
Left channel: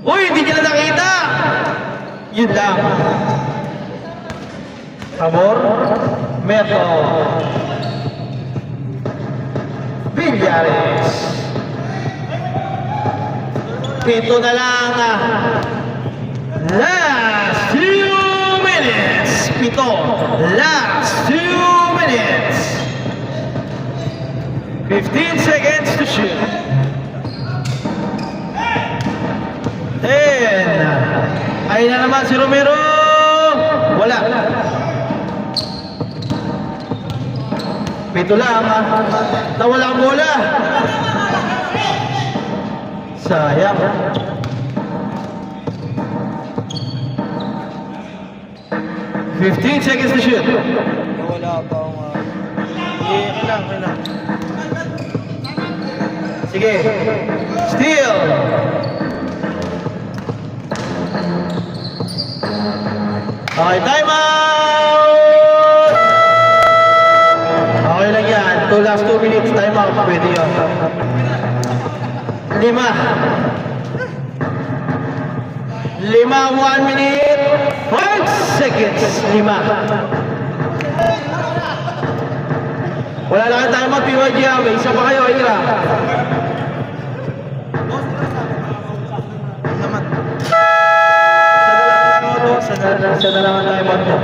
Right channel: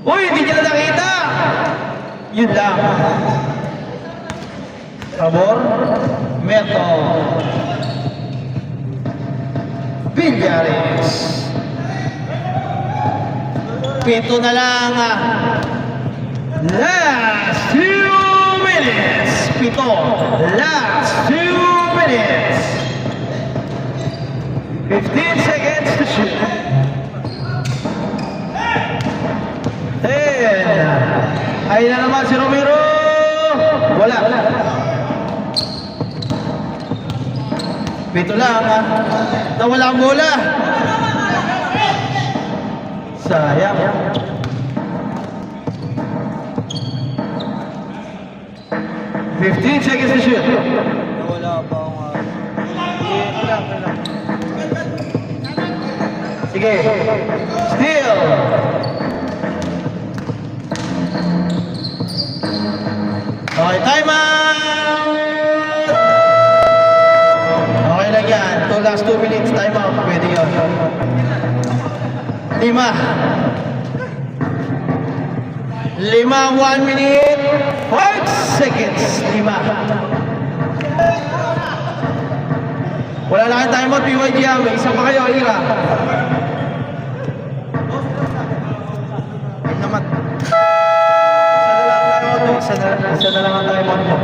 Uy, hindi niya na nakita. Yun lang. Amor. Meto. Villares. Pito na lang. Last few minutes. Pito. Last few minutes. 15 seconds to shoot. 10. Ayun na naman si Romero. Wala. Pito lang. Nawala ang bola. Sayang. 15 seconds to shoot. Wala pa Wala. Sige. Steal. Okay, time out! Okay lang yan. Last 2 minutes, time out. Pwede yun. 5. 1 minute, 5 seconds. 5. Wala lang ang time out, PYG. May isa pa kayo, Ira. Naman. Isa na lang ang time out mo.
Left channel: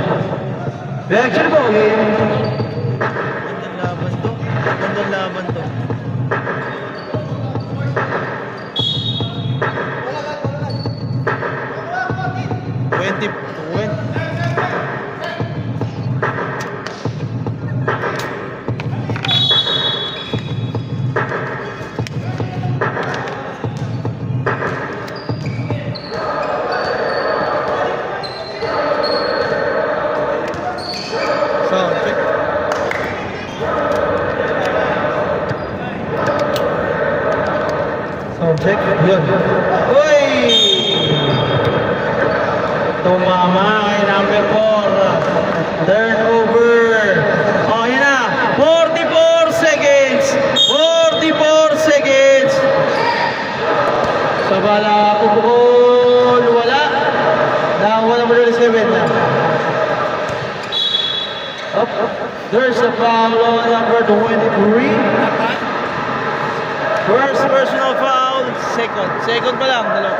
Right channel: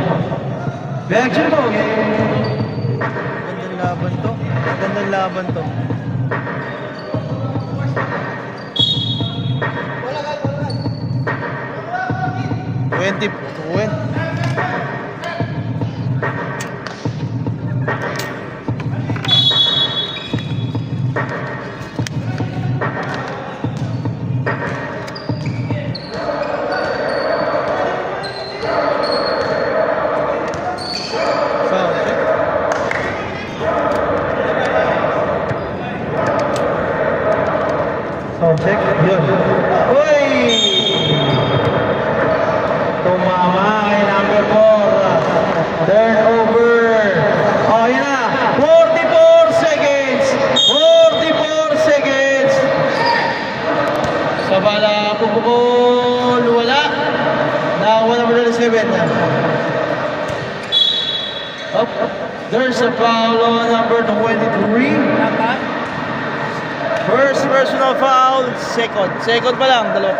Reaction ko, okay? Gandang laban to. Gandang laban to. Wala. 20. Yun. Uy! Tumama ay number 4. Turnover. Oh, yun na. 44 seconds. 44 seconds. Sa bala, pupukul. Wala. Wala mo rin 7 na. Up. There's a foul on number 23. First personal foul. Second pa lang. Dalawa.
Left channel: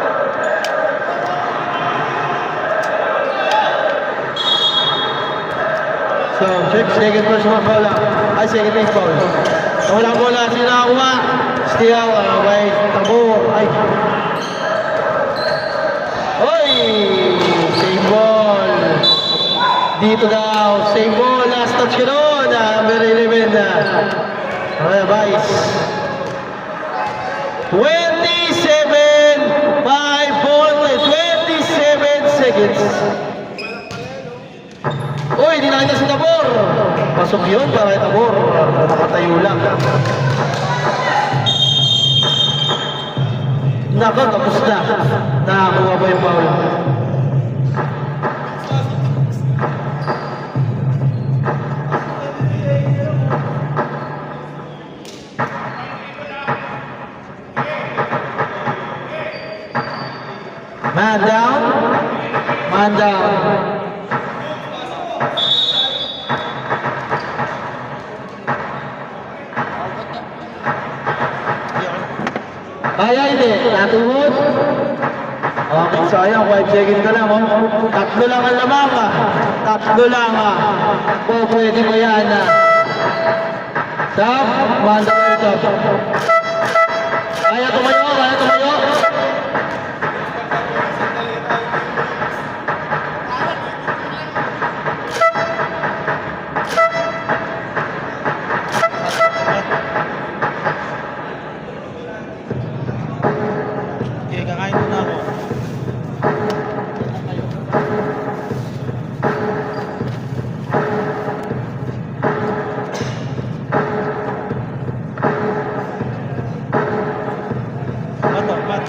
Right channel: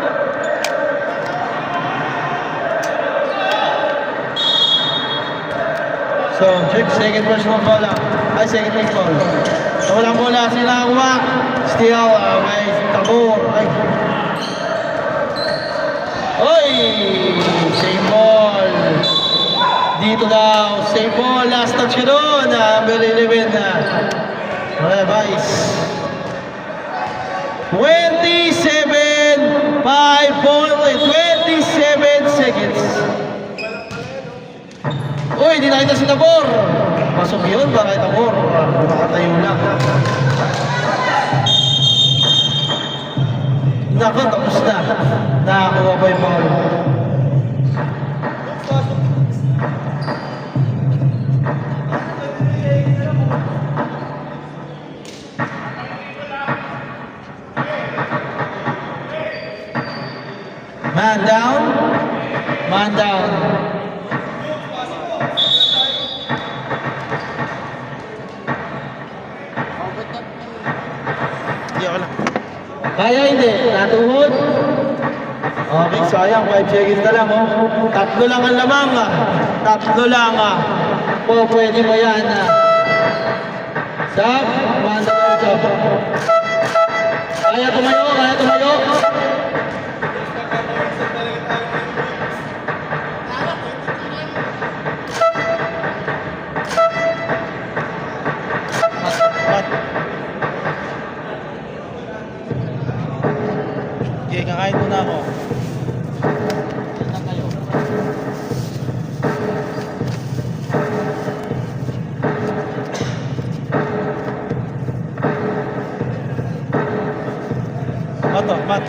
So, second personal foul lang. Ay, second team foul. So, walang bola. Sino nakakuha? Steal. By Tabor. Ay. Oy! Same ball. Dito daw. Same ball. Last touch ko doon. Number 11 na. Okay, Vice. 27 seconds. Uy, hindi nakita si Tabor. Pasok yun, baka Tabor. Nakatayo lang. Nako, tapos na. Nakakuha ba yung ball? Man down. Man down. Kaya hindi. Natuhod. Okay, sayang. 5 seconds na lang. Oh. Tatlo lang ang lamang. Tatlo lang. Oh, pwede mo yan. Stop. Man down ito. Kaya tumayo. Kaya tumayo. Okay, kakain muna ako. Ato, cut.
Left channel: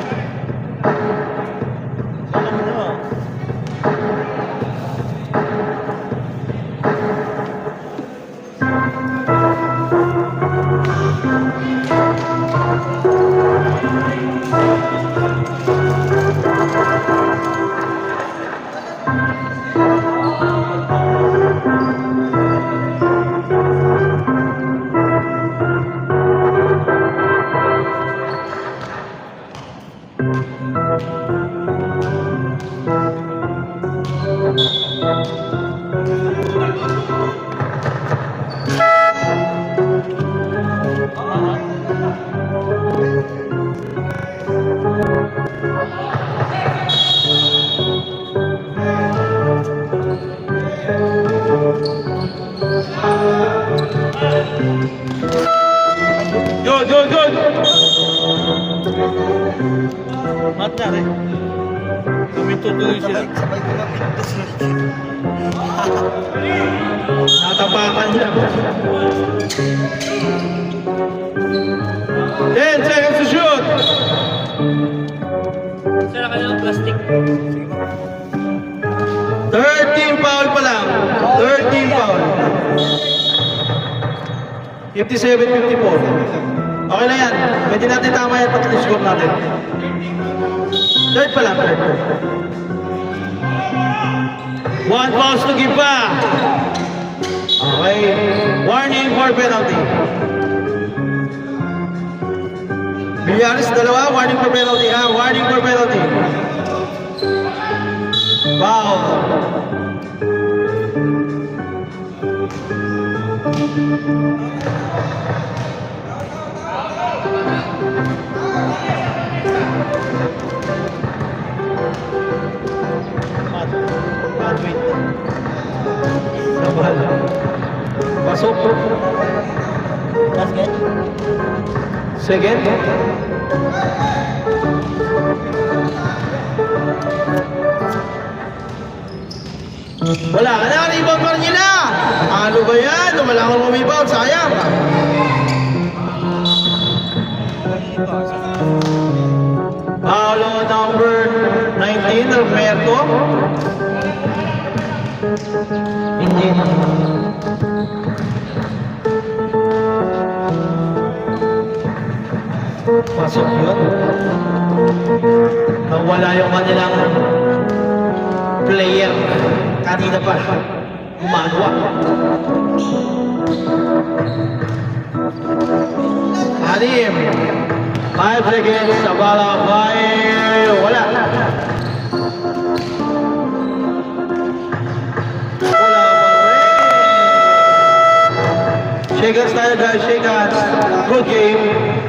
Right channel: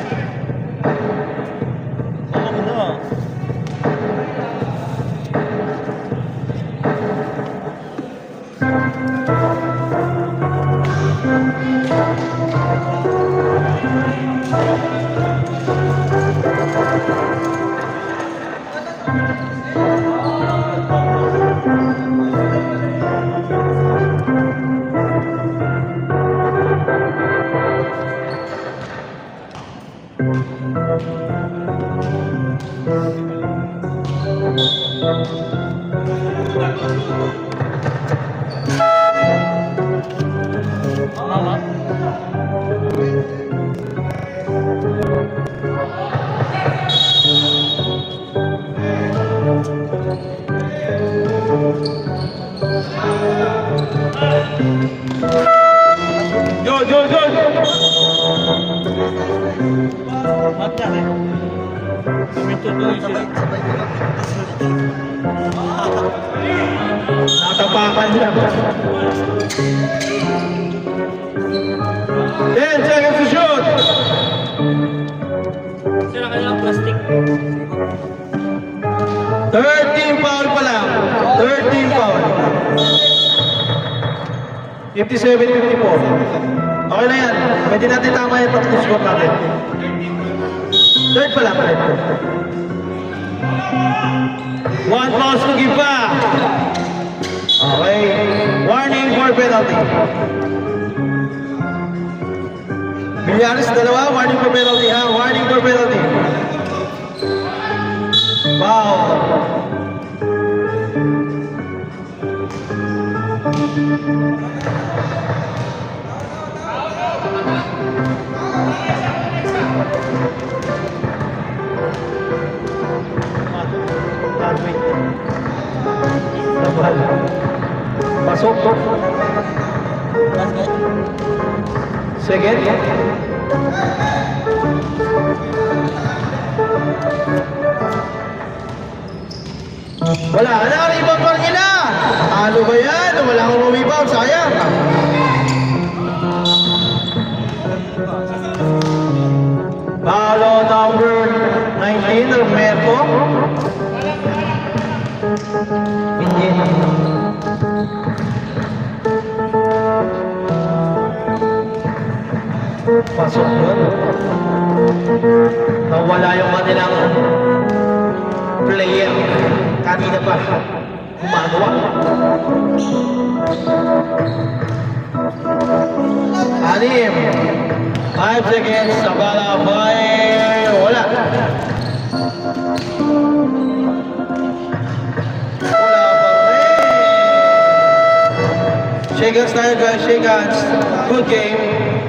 Saka mo na. Good, good, good. Mata na. Tuloy sila. Natapakan niya. 10 seconds to shoot. Sira ka ng plastic. 13 foul pa lang. 13 foul. 57-54. Okay lang yan. Pwede natin tama yan pati score natin. Third pa lang. One falls to give back. Okay. Warning for penalty. Villarreal dalawa. Warning for penalty ha. Warning for penalty. Foul. Pasok. Second. Wala na, rebound pa rin nila. Ano ba yan? Wala akong rebound, sayang. Pasok yun. Nawala yung kanilang player. Kanina pa. Umagwa. Anim. 5 seconds sa bala. 5. Wala. Wala pa rin. Shake hands tayo guys. Shake hands. Good game.